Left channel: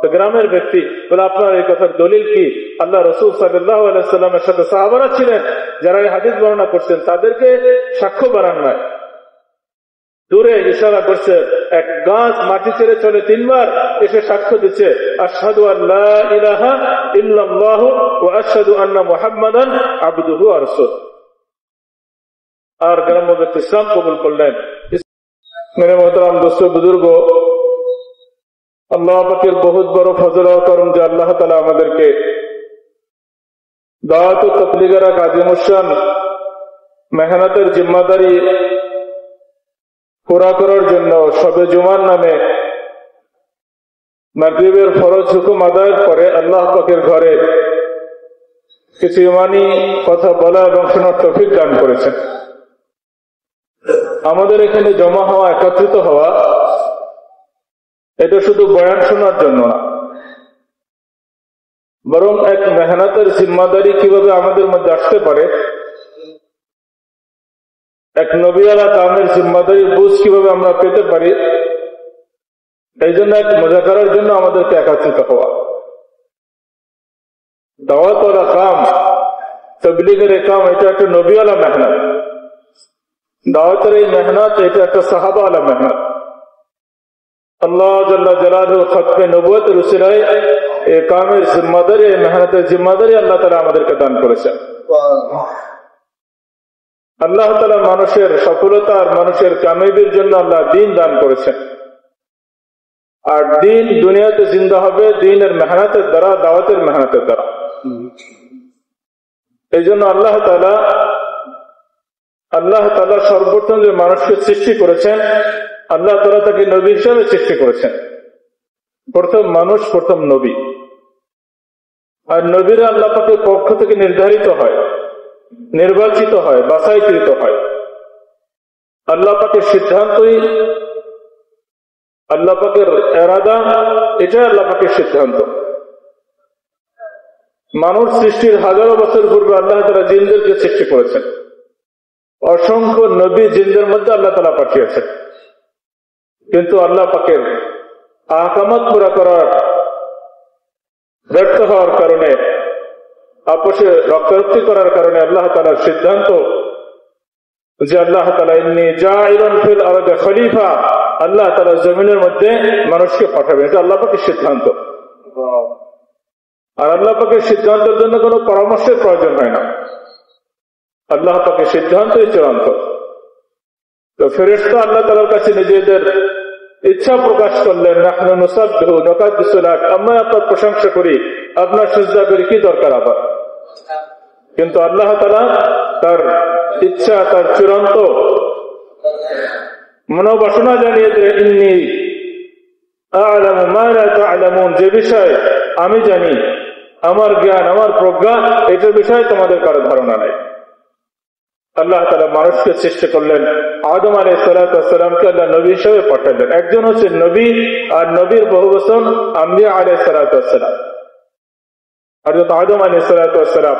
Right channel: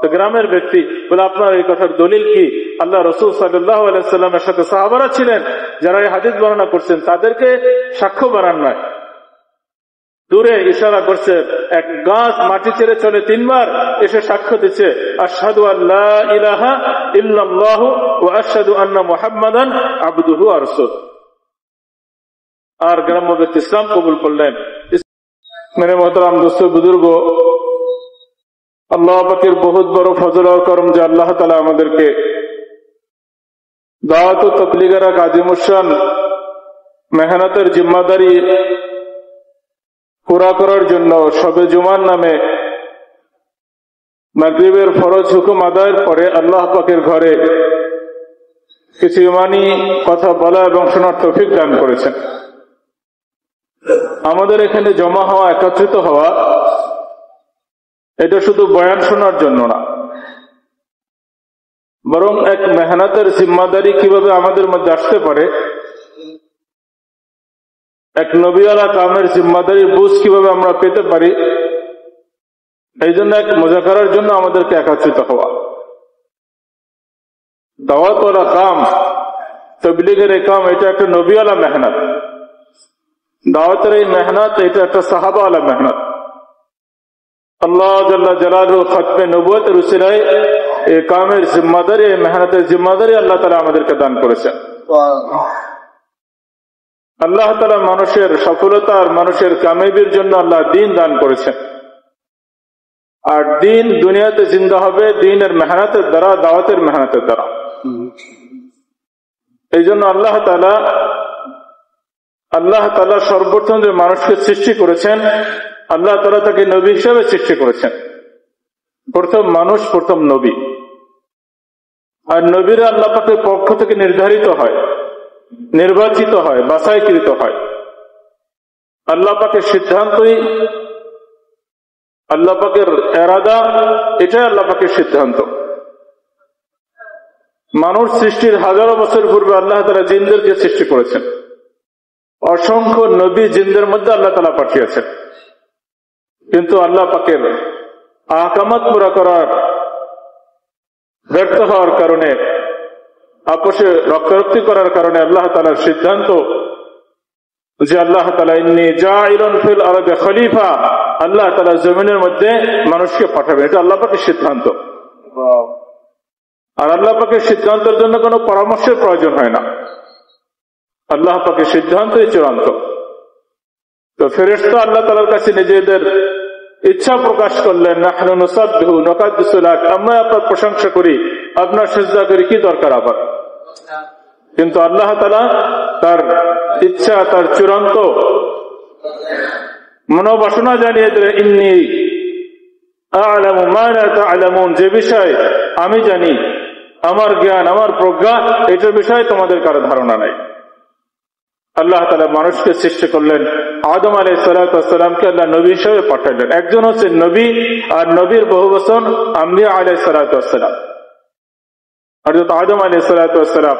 তো গ্রামের ব্যক্তি বলে, আপনার এই কথার দলিল কি? আল্লাহ রাসূল সাল্লাল্লাহু আলাইহি সাল্লামের সাথে সাহাবারা ছিলেন যারা এই হাদিস বর্ণনা করছেন, তাদেরকে সাক্ষ্য বানান নয়। দূরে ইশারা করছে, এক গাছ মাটি ছেড়ে চলে 3 বার এসে সাক্ষ্য দিচ্ছে, আশহাদু আল্লা ইলাহা ইল্লাল্লাহ ওয়া আশহাদু আন্না মুহাম্মাদান আবদুহু ওয়া রাসূলুহু। আর গ্রাম্য ব্যক্তি ইসলাম কবুল করলেন। মেরে মোহতারাম দোস্ত বুজুর্গ, আল্লাহ পাকের বহুত বড় ফজল আর করম যে আল্লাহ তাআলা আমাদেরকে দাওয়াত ও তাবলীগের এক আজিমুশান মেহনতের জিম্মাদারি পুরা করার জন্য শবে জুমার নামে মাগরিবের ফরজ হুকুম আদায়ের পরে আল্লাহ পাকের ঘরে কিছু ইমানি কথা বলা এবং শোনার তৌফিক দান করেছেন। আমাদের এখানে জমা হওয়া, একত্রিত হওয়া, এটা শুধু বয়ান শোনার জন্য না, বরং এক মেহনতের জিম্মাদারি কিভাবে আমাদের মধ্যে আসতে পারে, এক নবীওয়ালা কামের জিম্মাদারির বুঝ কিভাবে আমরা পেতে পারি, এই জন্য এক মুযাকারার জন্য আমাদেরকে একত্রিত হওয়া। দাওয়াত ওয়ালা কাম, তাবলীগের এই কাম, এটা একটা নবীওয়ালা মেহনত। দাওয়াতের এই মেহনত, এটা একটা সাহাবাওয়ালা মেহনত। আল্লাহ জাল্লা জালালুহু খতমে নবুয়তের উসিলায় এই কামের জিম্মাদারি, এই মেহনতের জিম্মাদারি আল্লাহ তাআলা আমাদেরকে দান করেছেন। আল্লাহ তাআলা মানুষের সফলতা আর মানুষের কামিয়াবির জন্য আল্লাহ দ্বীন দান করেছেন। আর দ্বীন দুনিয়াতে জিন্দা হবে দ্বীনের মেহনতের দ্বারা, দাওয়াতের মেহনতের দ্বারা। এই জন্য আল্লাহ তাআলা সর্বপ্রথম যে মানুষকে সৃষ্টি করেছেন, আল্লাহ তাআলা তাকে নবী হিসেবে সৃষ্টি করেছেন। প্রথম মানুষ, প্রথম নবী। আর নবীরা আল্লাহ পাকের পক্ষ থেকে নির্ধারিত হয়, নির্বাচিত হয়, বাছাইকৃত হয়। আল্লাহ পাকের সিদ্ধান্তই, আল্লাহ পাকের ইরাদা, এটাই আল্লাহ পাকের সিদ্ধান্ত। মানুষ সৃষ্টির হাজারো বছর পূর্বে আল্লাহ তাআলা জিনদেরকে সৃষ্টি করেছেন। অসংখ্য নবী জিনদের মধ্যে আল্লাহ তাআলা পাঠিয়েছেন। কিন্তু আল্লাহ পাকের আহকামাত পুরা করার ব্যর্থ হওয়ার কারণে, আপোষে রক্তারক্তি করার কারণে আল্লাহ তাআলার সিদ্ধান্ত যে আল্লাহ তাআলা ইন্নী জাইলুন ফিল আরদি খলিফা, আল্লাহ তাআলা জমিনের মধ্যে মানুষকে পাঠাবেন, এটা আল্লাহ পাকের সিদ্ধান্ত। আর আল্লাহ পাকের সিদ্ধান্তের জন্য কোনো পরামর্শের প্রয়োজন হয় না, আল্লাহ পাকের সিদ্ধান্তই চূড়ান্ত। তো ফেরেশতা আল্লাহ তাআলার কাছে নিজেদের ইচ্ছা প্রকাশ করলেন, নাহনু নুসাব্বিহু নুকাদ্দিসু লাক, আমরা আপনার প্রশংসা করি, আপনার সিজদা করি, কি দরকার আবার? কিন্তু আল্লাহ তাআলা তার ইচ্ছা, তার চূড়ান্ত মনোবাসনা জানিয়ে দিলেন, ইন্নী আ'লামু মা লা তা'লামুন, যে বিষয় আমি জানি, আমার জ্ঞান, আমার প্রজ্ঞা, এটার বিষয়ে তোমাদের কারো ধারণা নাই। আল্লাহ তাআলা মানুষকে সৃষ্টি করলেন। আদম আলাইহিস সালাতু ওয়াস সালামকে আল্লাহ নবী হিসেবে পাঠালেন। একজন হচ্ছে নবী, আর নবীর বহুবচন আম্বিয়া আলাইহিস সালাতু ওয়াস সালাম। হযরত আদম আলাইহিস সালাতু ওয়াস সালাম,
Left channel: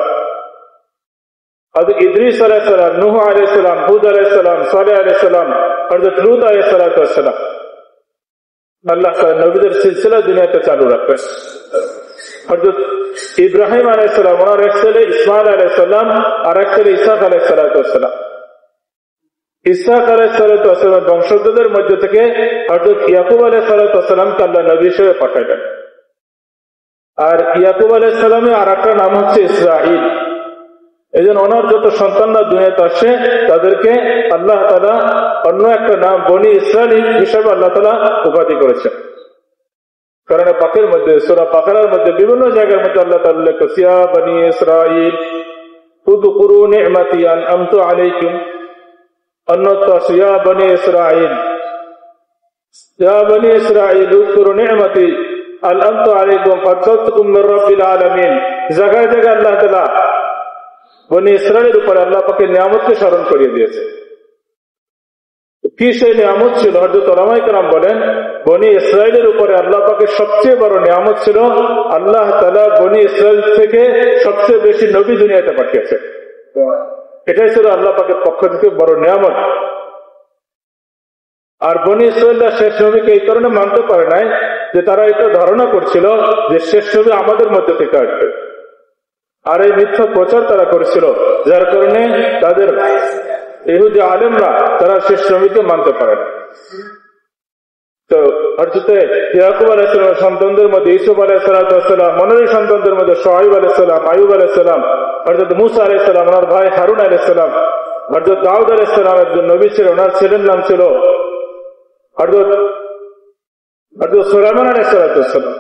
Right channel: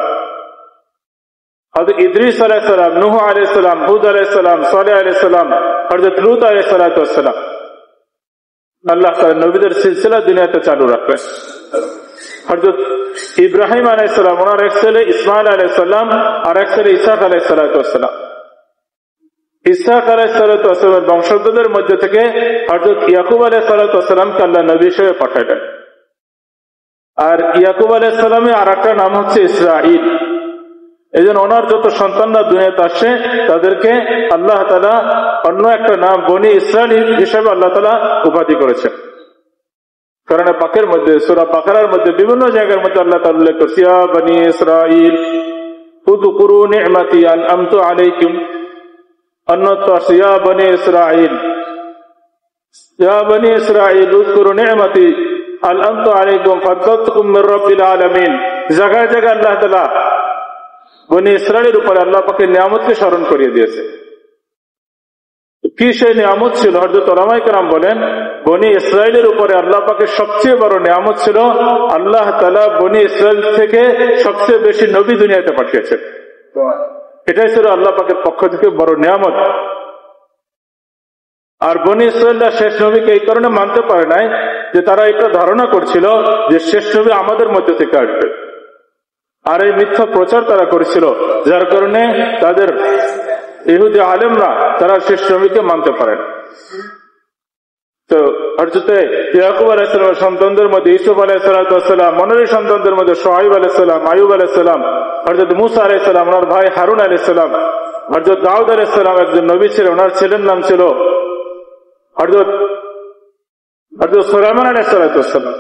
হযরত ইদ্রিস আলাইহিস সালাম, নূহ আলাইহিস সালাম, হুদ আলাইহিস সালাম, সালেহ আলাইহিস সালাম, হযরত লূত আলাইহিস সালাতু ওয়াস সালাম। আল্লাহ তাআলা নবীদের সিলসিলা দুনিয়াতে চালু রাখবেন। হযরত ইব্রাহিম আলাইহিস সালাম, ওনার এক ছেলে ইসমাঈল আলাইহিস সালাম, আর এক ছেলে ইসহাক আলাইহিস সালাতু ওয়াস সালাম। ইসহাক আলাইহিস সালাতু ওয়াস সালামের বংশধরদের মধ্যে থেকে হযরত ইয়াকুব আলাইহিস সালাতু ওয়াস সালামকে আল্লাহ নবী হিসেবে পাঠালেন। আর ইয়াকুব আলাইহিস সালামের আরেকটা নাম হচ্ছে ইসরাঈল। এজন্য ওনার যত সন্তানরা দুনিয়াতে আসে, তাদেরকে আল্লাহ তাআলা অন্য একটা নাম বনি ইসরাঈল হিসেবে আল্লাহ তাআলা উপাধি করেছেন। কোরআন পাকের মধ্যে, সূরা বাকারার মধ্যে বিভিন্ন জায়গার মধ্যে আল্লাহ তাআলা উল্লেখ করেছেন, ইয়া বনি ইসরাঈল উযকুরু নি'মাতি আন'আমতু আলাইকুম, অন্যত্র ইয়া বনি ইসরাঈল, ইয়া বনি ইসরাঈল উযকুরু নি'মাতি আন'আমতু আলাইকুম ফাদদাতুকুম মির রাব্বিল আলামিন। জায়গায় জায়গায় আল্লাহ তাআলা বনি ইসরাঈলের উপরে আল্লাহ পাকের নিয়ামতকে স্মরণ করিয়ে দিয়েছে। কি সেই নিয়ামত ছিল? হযরত উলামায়ে কেরাম বলেন, বনি ইসরাঈলের উপরে আল্লাহ পাকের সবচেয়ে বড় নিয়ামত ছিল আল্লাহ তাআলা বনি ইসরাঈল থেকে সবচেয়ে বেশি নবী দুনিয়াতে পাঠিয়েছেন। এটাই ছিল আল্লাহ পাকের পক্ষ থেকে বড় নিয়ামত। আর বনি ইসরায়েলরা শেষ নবীকে এই কারণে মানতে পারে নাই যে তারা এটা ধারণা করছিল যে শেষ নবী আমাদের মধ্যে থেকে আসবে, আর এই মিথ্যা প্রচার তারা করেছিল, যার কারণে তাদের ইহুদি আলেমরা তারা শেষ নবীকে মানতে পারে না। তো হযরত ইয়াকুব আলাইহিস সালামের সন্তানদের মধ্যে ইউসুফ আলাইহিস সালাম, মনের সন্তানদের মধ্যে শুআয়ব আলাইহিস সালাম, আইয়ুব আলাইহিস সালাম, হযরত মূসা আলাইহিস সালাম, ওনার ভাই হারুন আলাইহিস সালাম, হযরত দাউদ আলাইহিস সালাম একজন নবী ছিলেন, ওনার ছেলের নাম ছিল হযরত সুলাইমান আলাইহিস সালাম,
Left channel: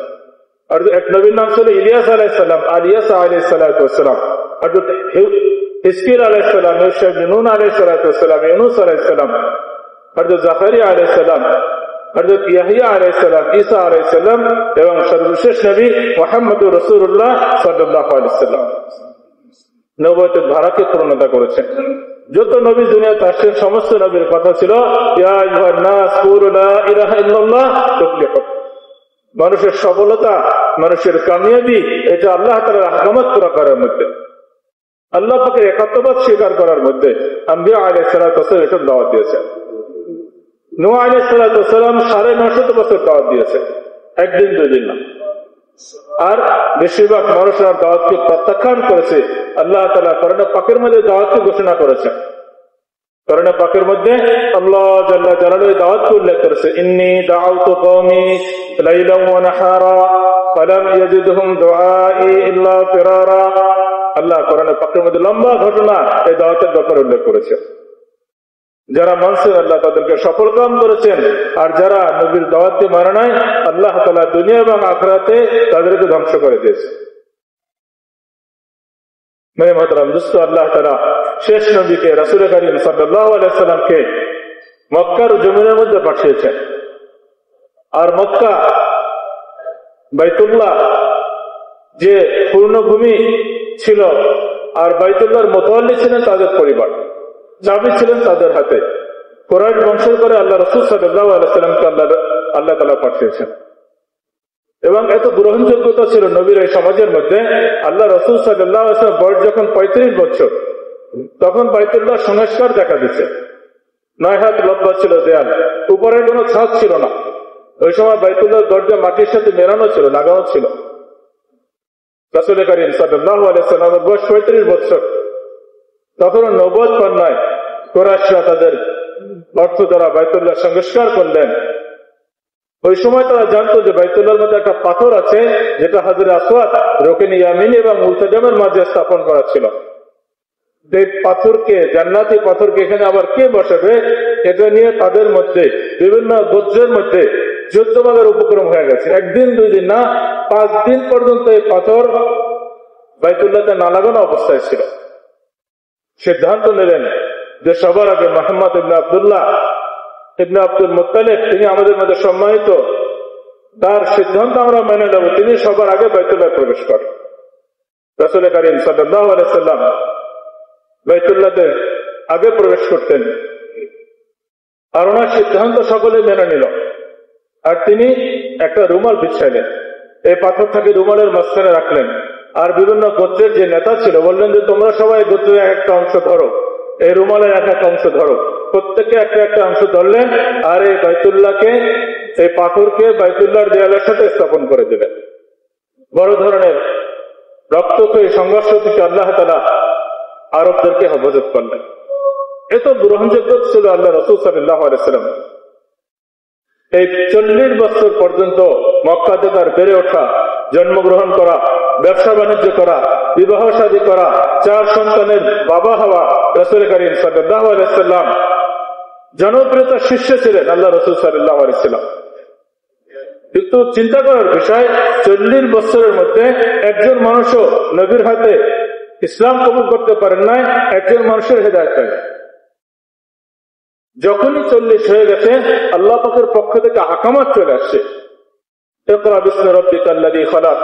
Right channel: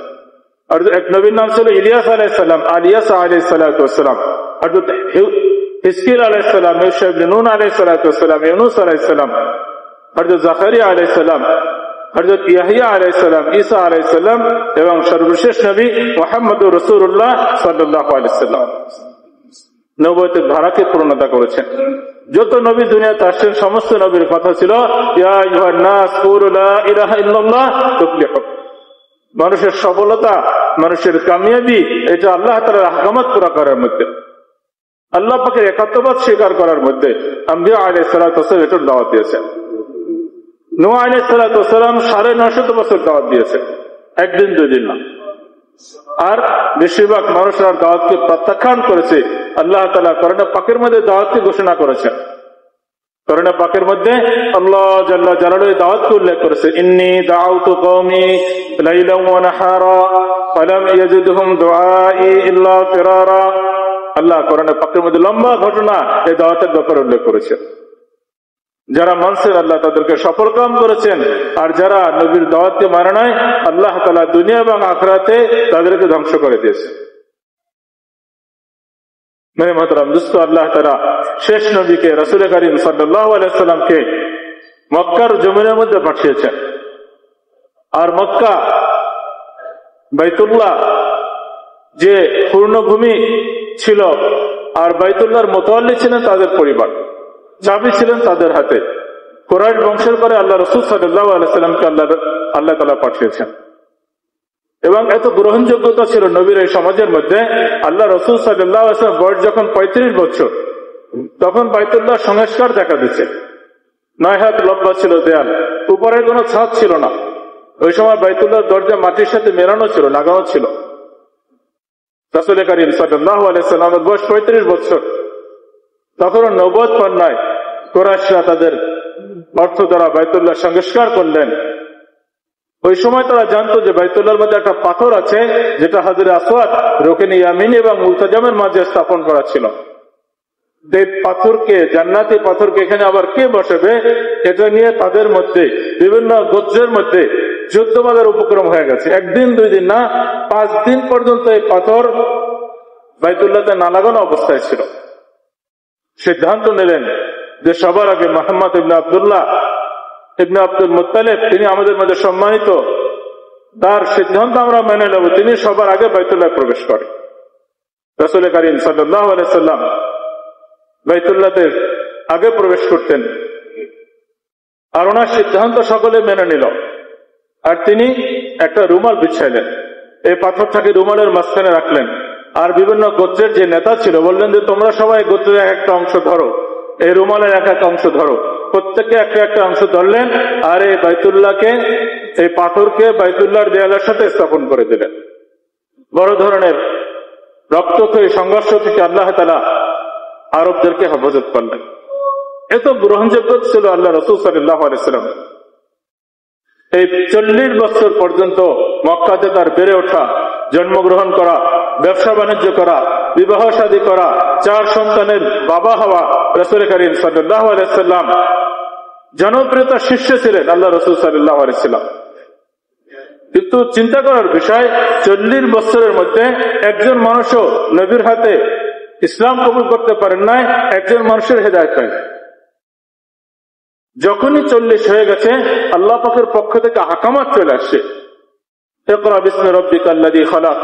আর এক নবীর নাম ছিল ইলিয়াস আলাইহিস সালাম, আলিয়াস আলাইহিস সালাম, হযরত হিজকিল আলাইহিস সালাম, ইউসুফ ইবনে নূন আলাইহিস সালাম, ইউনূস আলাইহিস সালাম, হযরত জাকারিয়া আলাইহিস সালাম, হযরত ইয়াহইয়া আলাইহিস সালাম, ঈসা আলাইহিস সালাম এবং সর্বশেষ নবী মুহাম্মদুর রাসূলুল্লাহ সাল্লাল্লাহু আলাইহি ওয়াসাল্লাম নবুয়তের ধারাকে পূর্ণতা করেছেন। যত নবী দুনিয়াতে আসছেন সমস্ত নবীর কথা ছিল ইয়া আইয়ুহান নাস কুলু লা ইলাহা ইল্লাল্লাহ তুফলিহু। মানুষের সফলতা, মানুষের কামিয়াবি এটা আল্লাহ তাআলার আহকামাত পুরা করার মধ্যে, আল্লাহ পাকের একাত্মবাদ স্বীকার করার মধ্যে। আম্বিয়া আলাইহিস সালাতু ওয়াস সালাম এটার দাওয়াত দিয়েছেন। নূহ আলাইহিস সালাতু ওয়াস সালাম 950 বছর দাওয়াত দিয়েছেন, একদিন দুদিন না। আর বেশিরভাগ মানুষরা দাওয়াতকে প্রত্যাখ্যান করেছে। আল্লাহ তাআলা কোরআন পাকের মধ্যে দাওয়াতকে ঘোষণা করেছেন। কোরআন পাকের মধ্যে আল্লাহ জাল্লা জালালুহু দাওয়াতকে উল্লেখ করেছে, ইন্নী দাউতু কওমি লাইলান ওয়া নাহারা ফালাম ইয়াজিদহুম দুআই ইল্লা ফিরারা। আল্লাহ কোরআন পাকের মধ্যে লম্বা ঘটনা এই দাওয়াতের ব্যাপারে উল্লেখ করেছেন। যারা মানছে আল্লাহ তাদেরকে সফল কাম করেছেন, আর যারা নবীর দাওয়াতকে মানে নাই আল্লাহ তাআলা দুনিয়া এবং আখিরাতে তাদেরকে ধ্বংস করে দিয়েছে। মেরে মোহতারাম দোস্ত, আল্লাহ তাআলা শেষ নবীকে রাসূল কারীম সাল্লাল্লাহু আলাইহি ওয়াসাল্লামকে মক্কার জমিনের মধ্যে পাঠিয়েছেন। আর মক্কা বাইতুল্লাহ যে পূর্ণভূমি ছিল, আর বাইতুল্লাহর মুতাওয়াল্লি ছিলেন তাদের পরিবার, চাবি ছিলেন তাদের হাতে। কুরাইশ বংশের করে আল্লাহ রাসূল সাল্লাল্লাহু আলাইহি ওয়াসাল্লামকে আল্লাহ তাআলা পাঠিয়েছেন। এবং এত গ্রহণযোগ্যতা ছিল নবীর এই সমাজের মধ্যে। আল্লাহ রাসূল সাল্লাল্লাহু আলাইহি ওয়াসাল্লাম বয়স যখন 35 বছর, তখন বাইতুল্লাহ সংস্কার দেখা দিচ্ছে। 9 হাত লম্বা ছিল দেয়াল, উপরে কোনো ছাদ ছিল না। ওই সময় বাইতুল্লাহর দরজা মাটির সাথে মেলানো ছিল, লাগানো ছিল। রাসূল কারীম সাল্লাল্লাহু আলাইহি ওয়াসাল্লামের বয়স 35 বছর, তখনও নবুয়ত পান নাই। কুরাইশরা তাদের অর্থ দ্বারা বাইতুল্লাহ সংস্কার করলেন। ওই সময় তারা জানতো যে বাইতুল্লাহর মধ্যে একটা পাথর আছে, যেটা হাজরে আসওয়াদ, রুকনে ইয়ামিনী এবং মুলতাজামের মাঝে স্থাপন করা ছিল। এই পাথরকে, জান্নাতি পাথরকে এখানে আবার কে বসাবে, এটা নিয়ে তাদের মধ্যে বিভিন্ন গোত্রের মধ্যে যুদ্ধবাদের উপক্রম হয়ে গেছে। একদিন দুই দিন না, 5 দিন পর্যন্ত এই পাথর বাইতুল্লাহতে না লাগানো অবস্থায় ছিল। সিদ্ধান্ত নিলেন যে সবার আগে মুহাম্মদ ইবনে আব্দুল্লাহ ইবনে আব্দুল মুত্তালিব, তিনি আমাদের মধ্যে সম্মানিত, তার সিদ্ধান্ত আমরা মেনে নেব, তিনি সবার আগে বাইতুল্লাহ প্রবেশ করেন। রাসূল কারীম সাল্লাল্লাহু আলাইহি ওয়াসাল্লাম বাইতুল্লাহতে আগে প্রবেশ করতেন, আর ওনার সিদ্ধান্ত সকলে মেনে নিল। আর তিনি একটা রুমাল বিছাইলেন, এই পাথরটাকে রুমালের মাঝখানে রাখলেন। আর বিভিন্ন গোত্রের যে নেতা ছিল বললেন যে তোমরা সবাই গোত্রের একটা অংশ ধরো, এই রুমালের একটা অংশ ধরো। প্রত্যেকে একটা অংশ ধরলেন, আর এই বাইতুল্লাহকে, এই পাথরকে বাইতুল্লাহর দেয়ালের সাথে স্থাপন করে দিলেন। বড় ধরনের রক্তক্ষয়ী সংঘর্ষ থেকে আল্লাহ তাআলা আরবদেরকে হেফাজত করলেন। এত গ্রহণযোগ্য ছিল আল্লাহ রাসূল সাল্লাল্লাহু আলাইহি ওয়াসাল্লাম। এই 40 বছর পর্যন্ত মক্কাতে তার বেড়ে ওঠা, জন্মগ্রহণ করা, ব্যবসা বাণিজ্য করা, বিবাহ শাদী করা, 4 সন্তানের বাবা হওয়া রাসূল কারীম সাল্লাল্লাহু আলাইহি ওয়াসাল্লাম জনপ্রিয়তার শীর্ষে ছিলেন আল্লাহ রাসূল সাল্লাল্লাহু আলাইহি ওয়াসাল্লাম। কিন্তু চিন্তা করার বিষয়, 40 বছরের মধ্যে একজন মানুষও নবীর হাতে ইসলাম কবুল করতে পারেন নাই, একজন মানুষের হেদায়েত হয়। যখনই 40 হয়ে গেছে, আল্লাহ পাকের পক্ষ থেকে আহকামাত চলে আসছে। ইকরা বিসমি রাব্বিকাল্লাযী খালাক,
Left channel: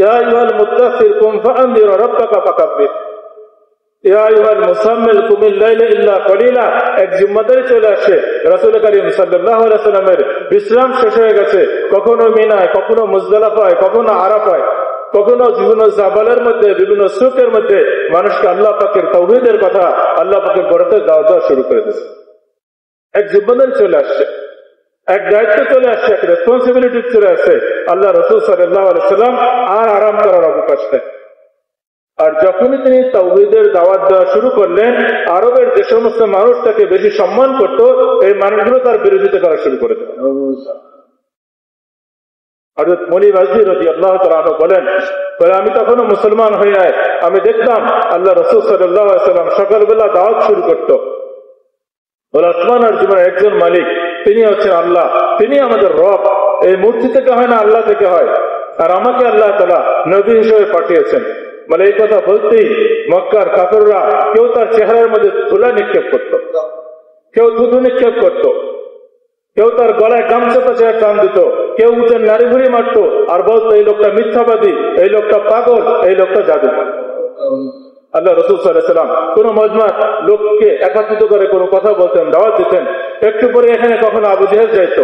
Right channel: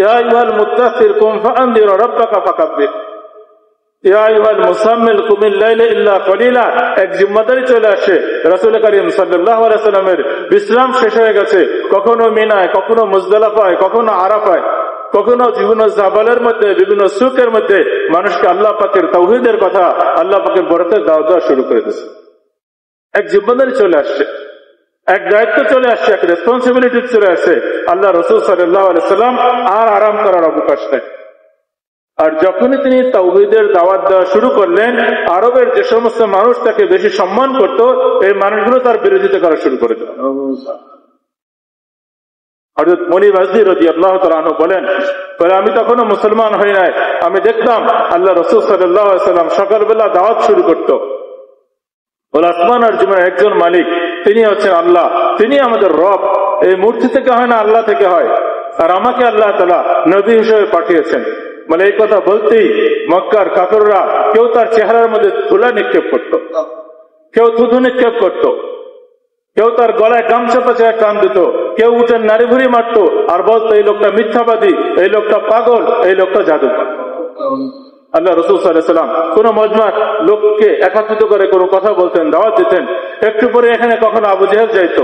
ইয়া আইয়ুহাল মুদ্দাসসির কুম ফাআনযির রাব্বাকা ফাকাব্বির, ইয়া আইয়ুহাল মুসাম্মিল কুমিল লাইলা ইল্লা কলিলা। এক জিম্মাদারি চলে আসে। রাসূল কারীম সাল্লাল্লাহু আলাইহি ওয়াসাল্লামের বিশ্রাম শেষ হয়ে গেছে। কখনো মিনায়, কখনো মুজদালিফায়, কখনো আরাফায়, কখনো বিভিন্ন জাবালের মধ্যে, বিভিন্ন সুকের মধ্যে মানুষকে আল্লাহ পাকের তাওহীদের কথা, আল্লাহ পাকের বরকতের দাওয়াত দেওয়া শুরু করে দিয়েছে। এক জিম্মাদারি চলে আসছে। এক দায়িত্ব চলে আসছে, এক রেসপন্সিবিলিটি চলে আসছে। আল্লাহ রাসূল সাল্লাল্লাহু আলাইহি সাল্লাম আর আরাম করার অবকাশ নেই। আর যখনই তিনি তাওহীদের দাওয়াত দেওয়া শুরু করলেন, আরবের যে সমস্ত মানুষ তাকে বেশি সম্মান করত, এই মানুষগুলো তার বিরোধিতা করা শুরু করে দিল। হযরত মুনিব আজদি রাদিয়াল্লাহু তাআলা আনহু বলেন, আমি তখনও মুসলমান হই নাই, আমি দেখতাম আল্লাহ রাসূল সাল্লাল্লাহু আলাইহি সাল্লাম সকালবেলা দাওয়াত শুরু করত, বলে আসমান আর জমিনের একজন মালিক, তিনি হচ্ছেন আল্লাহ, তিনি আমাদের রব, এই মূর্তি থেকে হয় না, আল্লাহ থেকে হয়, আর আমাকে আল্লাহ তাআলা নবী হিসেবে পাঠিয়েছেন। বলে এই কথা বলতেই মক্কার কাফেররা কেউ তার চেহারার মধ্যে ধুলা নিক্ষেপ করত, কেউ থুতু নিক্ষেপ করত, কেউ তার গলায় গামছা পেঁচায় টান দিত, কেউ উঠে নাড়ি ভুড়ি মারত আর বলতো এই লোকটা মিথ্যাবাদী, এই লোকটা পাগল, এই লোকটা জাদুকর। আল্লাহ রাসূল সাল্লাল্লাহু আলাইহি ওয়াসাল্লাম কোন মজমা লোককে একত্রিত করে কোনো কথা বলতেন, দাওয়াত দিতেন, একটু পরে এখানে কখনো আবু জেহেল যাইত,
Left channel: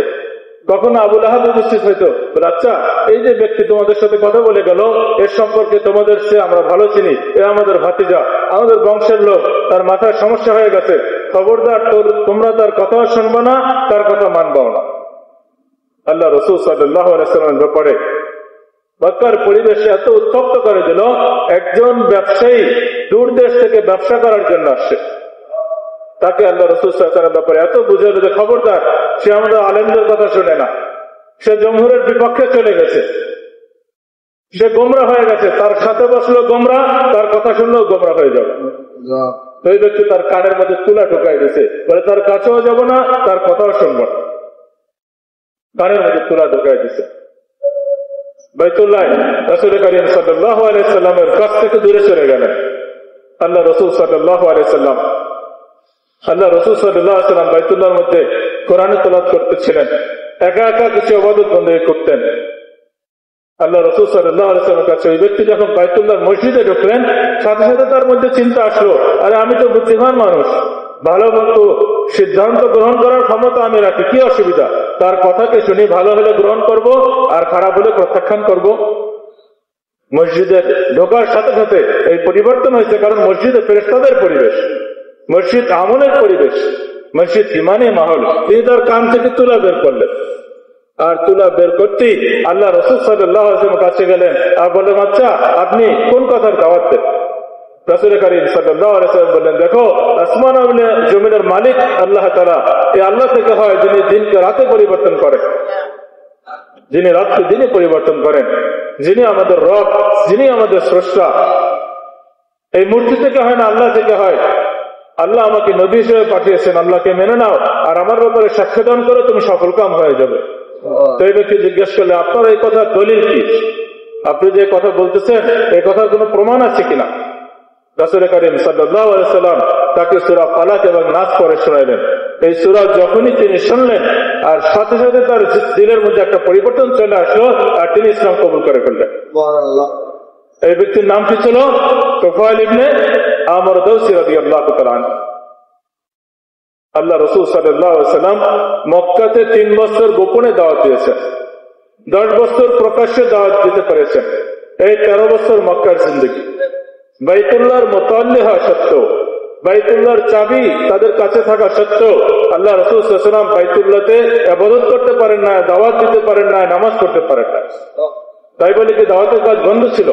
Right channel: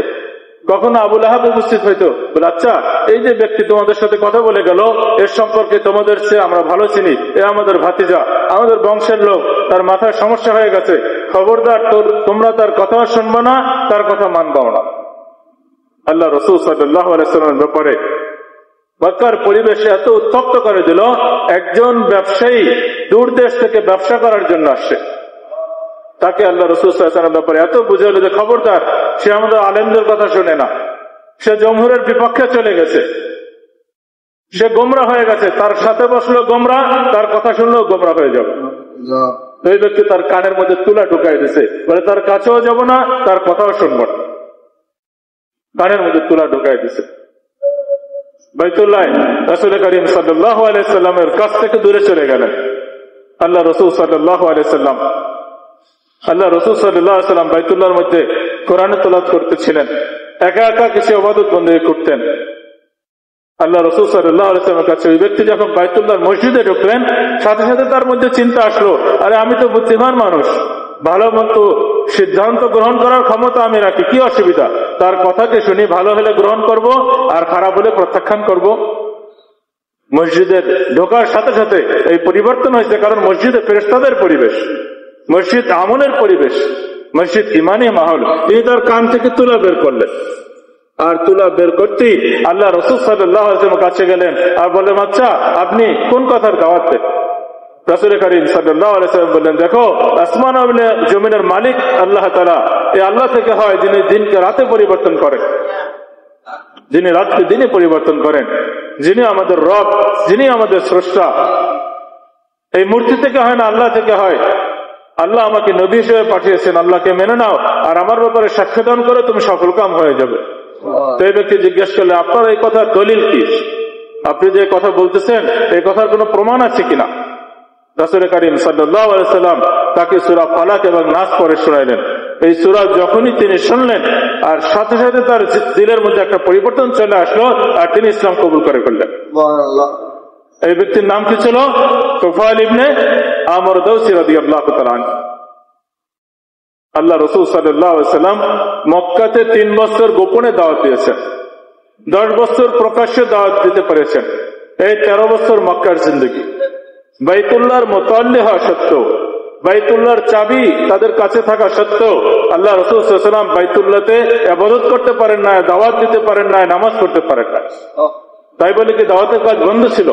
কখনো আবু লাহাব উপস্থিত হইতো। বলে আচ্ছা, এই যে ব্যক্তি তোমাদের সাথে কথা বলে গেল, এর সম্পর্কে তোমাদের চেয়ে আমরা ভালো চিনি, এ আমাদের ভাতিজা, আমাদের বংশের লোক, তার মাথায় সমস্যা হয়ে গেছে, খবরদার তোমরা তার কথা শুনবো না, তার কথা মানবাও না। আল্লাহ রাসূল সাল্লাল্লাহু আলাইহি ওয়াসাল্লামের ব্যাপারে মক্কার পরিবেশে এত উত্তপ্ত করে দিল, একজন ব্যবসায়ী দূর দেশ থেকে ব্যবসা করার জন্য আসছে, তাকে আল্লাহ রাসূল সাল্লাল্লাহু আলাইহি ওয়াসাল্লামের ব্যাপারে এত বুঝালো যে খবরদার, সে আমাদের আলেমদের কথা শুনে না, সে জমহুরের বিপক্ষে চলে গেছে, সে গোমরা হয়ে গেছে, তার সাথে বসলো গোমরা, তার কথা শুনলেও গোমরা হয়ে যাবে। ওই ব্যক্তি তার কানের মধ্যে তুলা ঢুকাই দিয়েছে, বলে তার কাছেও যাব না, তার কথাও শুনবো না, কানের মধ্যে তুলা ঢুকাই দিছে। বাইতুল্লাহ রাসূল করিম সাল্লাল্লাহু আলাইহি সাল্লামের কাছ থেকে দূরে চলে গেলেন। আল্লাহ রাসূল সাল্লাল্লাহু আলাইহি সাল্লাম বাইতুল্লাহর মধ্যে কোরআন তেলাওয়াত করতেছিলেন, একা একা কিছু ইবাদত বন্দেগী করতেন। আল্লাহ রাসূল সাল্লাল্লাহু আলাইহি ওয়াসাল্লামের কাছে ওই ব্যক্তি যখন বাইতুল্লাহর মসজিদে ঢুকলেন, সাথে সাথে তার মধ্যে চিন্তা আসলো, আরে আমি তো বুদ্ধিমান মানুষ, ভালো মন্দ সিদ্ধান্ত গ্রহণ করার ক্ষমতা আমি রাখি, কি অসুবিধা, তার কথাকে শুনি, ভালো হলে গ্রহণ করব আর খারাপ হলে প্রত্যাখ্যান করব। মসজিদে ঢোকার সাথে সাথে এই পরিবর্তন হয়েছে, কারণ মসজিদে ফেরেশতাদের পরিবেশ, মসজিদ আমলের পরিবেশ, মসজিদ ইমানি মাহল। তিনি তার কান থেকে তুলা বের করলেন, আর তুলা বের করতেই আল্লাহ রাসূল সাল্লাল্লাহু আলাইহি ওয়াসাল্লামের কাছে গেলেন আর বললেন, আচ্ছা আপনি কোন কথার দাওয়াত দেন? রাসূল করিম সাল্লাল্লাহু আলাইহি ওয়াসাল্লাম বললেন, দেখো, আসমান ও জমিনের মালিক আল্লাহ তাআলা, এই আল্লাহ থেকে হয় যিনি দিনকে রাতে পরিবর্তন করেন, যিনি রাতকে দিনে পরিবর্তন করেন, যিনি আমাদের রব, যিনি আমাদের স্রষ্টা। এই মূর্তি থেকে হয় না, আল্লাহ থেকে হয়। আল্লাহ আমাকে নবী হিসেবে পাঠিয়েছেন, আল্লাহকে মেনে নাও আর আমার ব্যাপারে সাক্ষ্য দান করে তুমি সফল কাম হয়ে যাবে। তো এই ব্যক্তি জিজ্ঞেস করলে, আপনার এই কথার দলিল কি? আপনি যে কথা বলতেছেন এই কথার কোনো প্রমাণ আছে কিনা? রাসূল করিম সাল্লাল্লাহু আলাইহি ওয়াসাল্লাম তাকে সূরা ফালাক এবং নাস পড়ে শোনালেন। এই সূরা যখনই তিনি শুনলেন, আর সাথে সাথে তার দিলের মধ্যে একটা পরিবর্তন চলে আসলো, আর তিনি ইসলাম কবুল করে ফেললেন। এই ব্যক্তির নাম কি ছিল? তুফাইল ইবনে আমর দাওসী রাদিয়াল্লাহু তাআলা আনহু। আল্লাহ রাসূল সাল্লাল্লাহু আলাইহি ওয়াসাল্লাম মক্কাতে 3 বছর গোপনে দাওয়াত দিয়েছেন, 10 বছর প্রকাশ্যে দাওয়াত দিতে পেরেছেন। এই 13 বছর মক্কার জিন্দেগি। বাইতুল্লাহর মুতাল্লি হওয়া সত্ত্বেও, বাইতুল্লাহর চাবি তাদের কাছে থাকা সত্ত্বেও আল্লাহ রাসূল সাল্লাল্লাহু আলাইহি ওয়াসাল্লাম বাইতুল্লাহতে ইবাদত করতে পারেন না, দাওয়াত দিতে পারেন না, নামাজ পড়তে পারেন না। তাই বলে কি দাওয়াতের কাজ বন্ধ ছিল?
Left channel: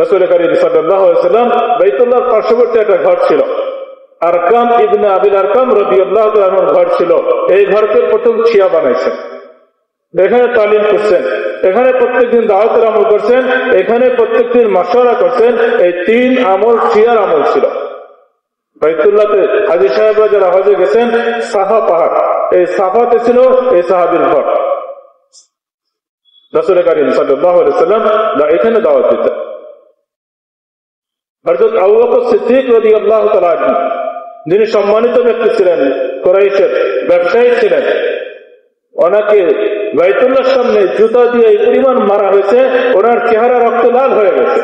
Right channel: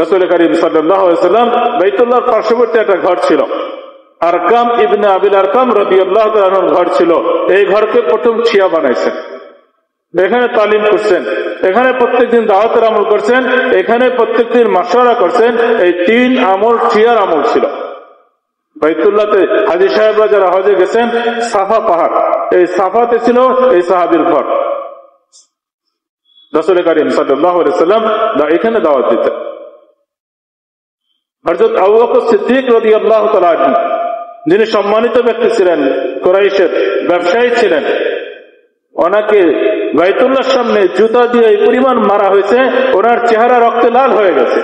রাসূল করিম সাল্লাল্লাহু আলাইহি ওয়াসাল্লাম বাইতুল্লাহর পার্শ্ববর্তী একটা ঘর ছিল, আরকাম ইবনে আবিল আরকাম রাদিয়াল্লাহু তাআলা আনহুর ঘর ছিল। এই ঘরকে প্রথম ছিয়া বানাইছেন, এখানে তালিম করছেন, এখানে প্রত্যেকদিন দাওয়াতের আমল করছেন, এখানে প্রত্যেকদিন মাশওয়ারা করছেন। এই 3 আমল ছিয়ার আমল ছিল। বাইতুল্লাহতে হাজী সাহেবরা যারা হজে গেছেন, সাফা পাহাড়, এই সাফাতে ছিল এই সাহাবীর ঘর। রাসূল করিম সাল্লাল্লাহু আলাইহি ওয়াসাল্লাম এখানে দাওয়াত দিতেন। হযরত আবু বকর সিদ্দিক রাদিয়াল্লাহু তাআলা আনহু, যিনি সম্মানিত ব্যক্তি ছিলেন, কুরাইশের ব্যবসায়ী ছিলেন, ওনাকে বাইতুল্লাহর সামনে জুতা দিয়ে এই পরিমাণ মারা হয়েছে, ওনার চেহারা রক্তে লাল হয়ে গেছে।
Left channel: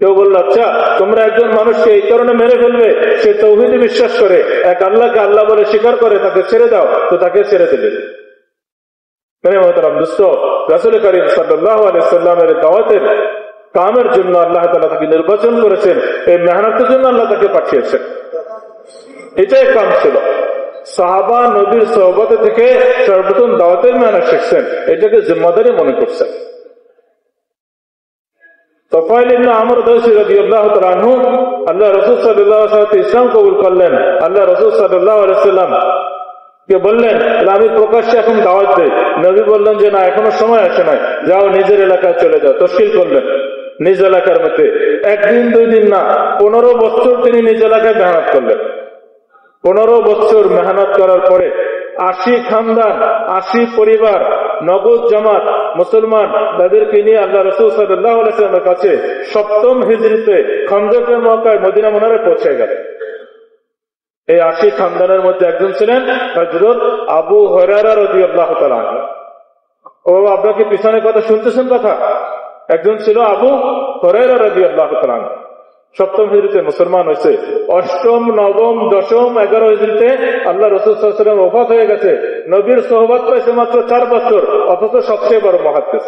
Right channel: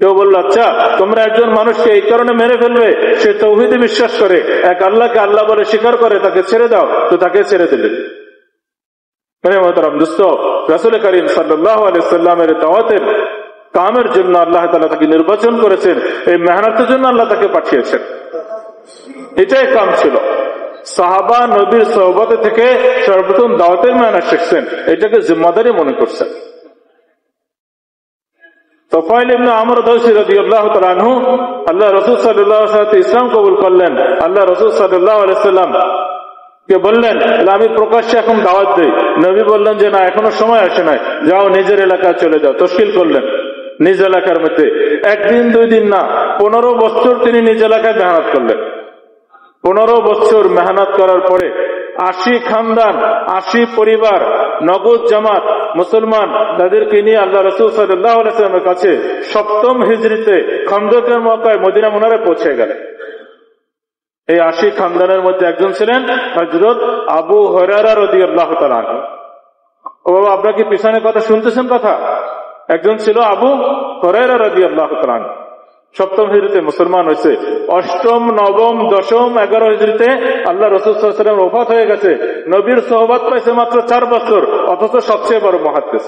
কেউ বলল, আচ্ছা তোমরা একজন মানুষকে এই কারণে মেরে ফেলবে, সে তাওহীদে বিশ্বাস করে, এক আল্লাহকে আল্লাহ বলে স্বীকার করে, তাকে ছেড়ে দাও। তো তাকে ছেড়ে দিলেন। মেরে মোহতারাম দোস্ত, রাসূল করিম সাল্লাল্লাহু আলাইহি ওয়াসাল্লামের দাওয়াতের কামের জন্য আল্লাহ তাআলা তাকে নির্বাচন করেছেন, এই মেহনতের জন্য আল্লাহ তাকে পাঠিয়েছেন। এটাই কাম ছিল। সাহাবা নবীর সোহবত থেকে সর্বপ্রথম দাওয়াতের মানা শিখছেন, এটাকে জিম্মাদারি মনে করছেন। তোফাইল ইবনে আমর দাওসী রাদিয়াল্লাহু তাআলা আনহু আল্লাহ রাসূল সাল্লাল্লাহু আলাইহি ওয়াসাল্লাম ইসলাম কবুল করলেন। আল্লাহ রাসূল সাল্লাল্লাহু আলাইহি ওয়াসাল্লাম কে বললেন, আমি প্রকাশ্যে এখন দাওয়াত দেই। নবী বললেন যে না, এখনো সময় আসে নাই, যাও নিজের এলাকায় চলে যাও। তশকিল করলেন নিজ এলাকার মধ্যে। একদিন 2 দিন না, 15 বছর তিনি নিজ এলাকায় মেহনত করলেন। 15 বছর মেহনত করার পরে 80 খানদান, 80 পরিবার, নগদ জামাত মুসলমান, তাদেরকে নিয়ে আল্লাহ রাসূল সাল্লাল্লাহু আলাইহি ওয়াসাল্লামের কাছে 7ম হিজরিতে খন্দকের মক্কায় মদিনা মুনাওয়ারায় পৌঁছে গেলেন। এই 80 খানদানের মধ্যে একজন ছিলেন হযরত আবু হুরায়রা রাদিয়াল্লাহু তাআলা আনহু। ও আপনারা কি পিছনে কথা শুনতেছেন? কথা একজন ছিল আবু হুরায়রা রাদিয়াল্লাহু তাআলা আনহু। 7ম হিজরিতে মুসলমান হয়েছে। 8ম, 9ম, 10ম, 11 হিজরিতে আল্লাহ রাসূল সাল্লাল্লাহু আলাইহি ওয়াসাল্লাম ওফাত হয়ে গেছে। নবীর সোহবত পাইছে মাত্র 4 বছর, অথচ সবচেয়ে বড় মুহাদ্দিস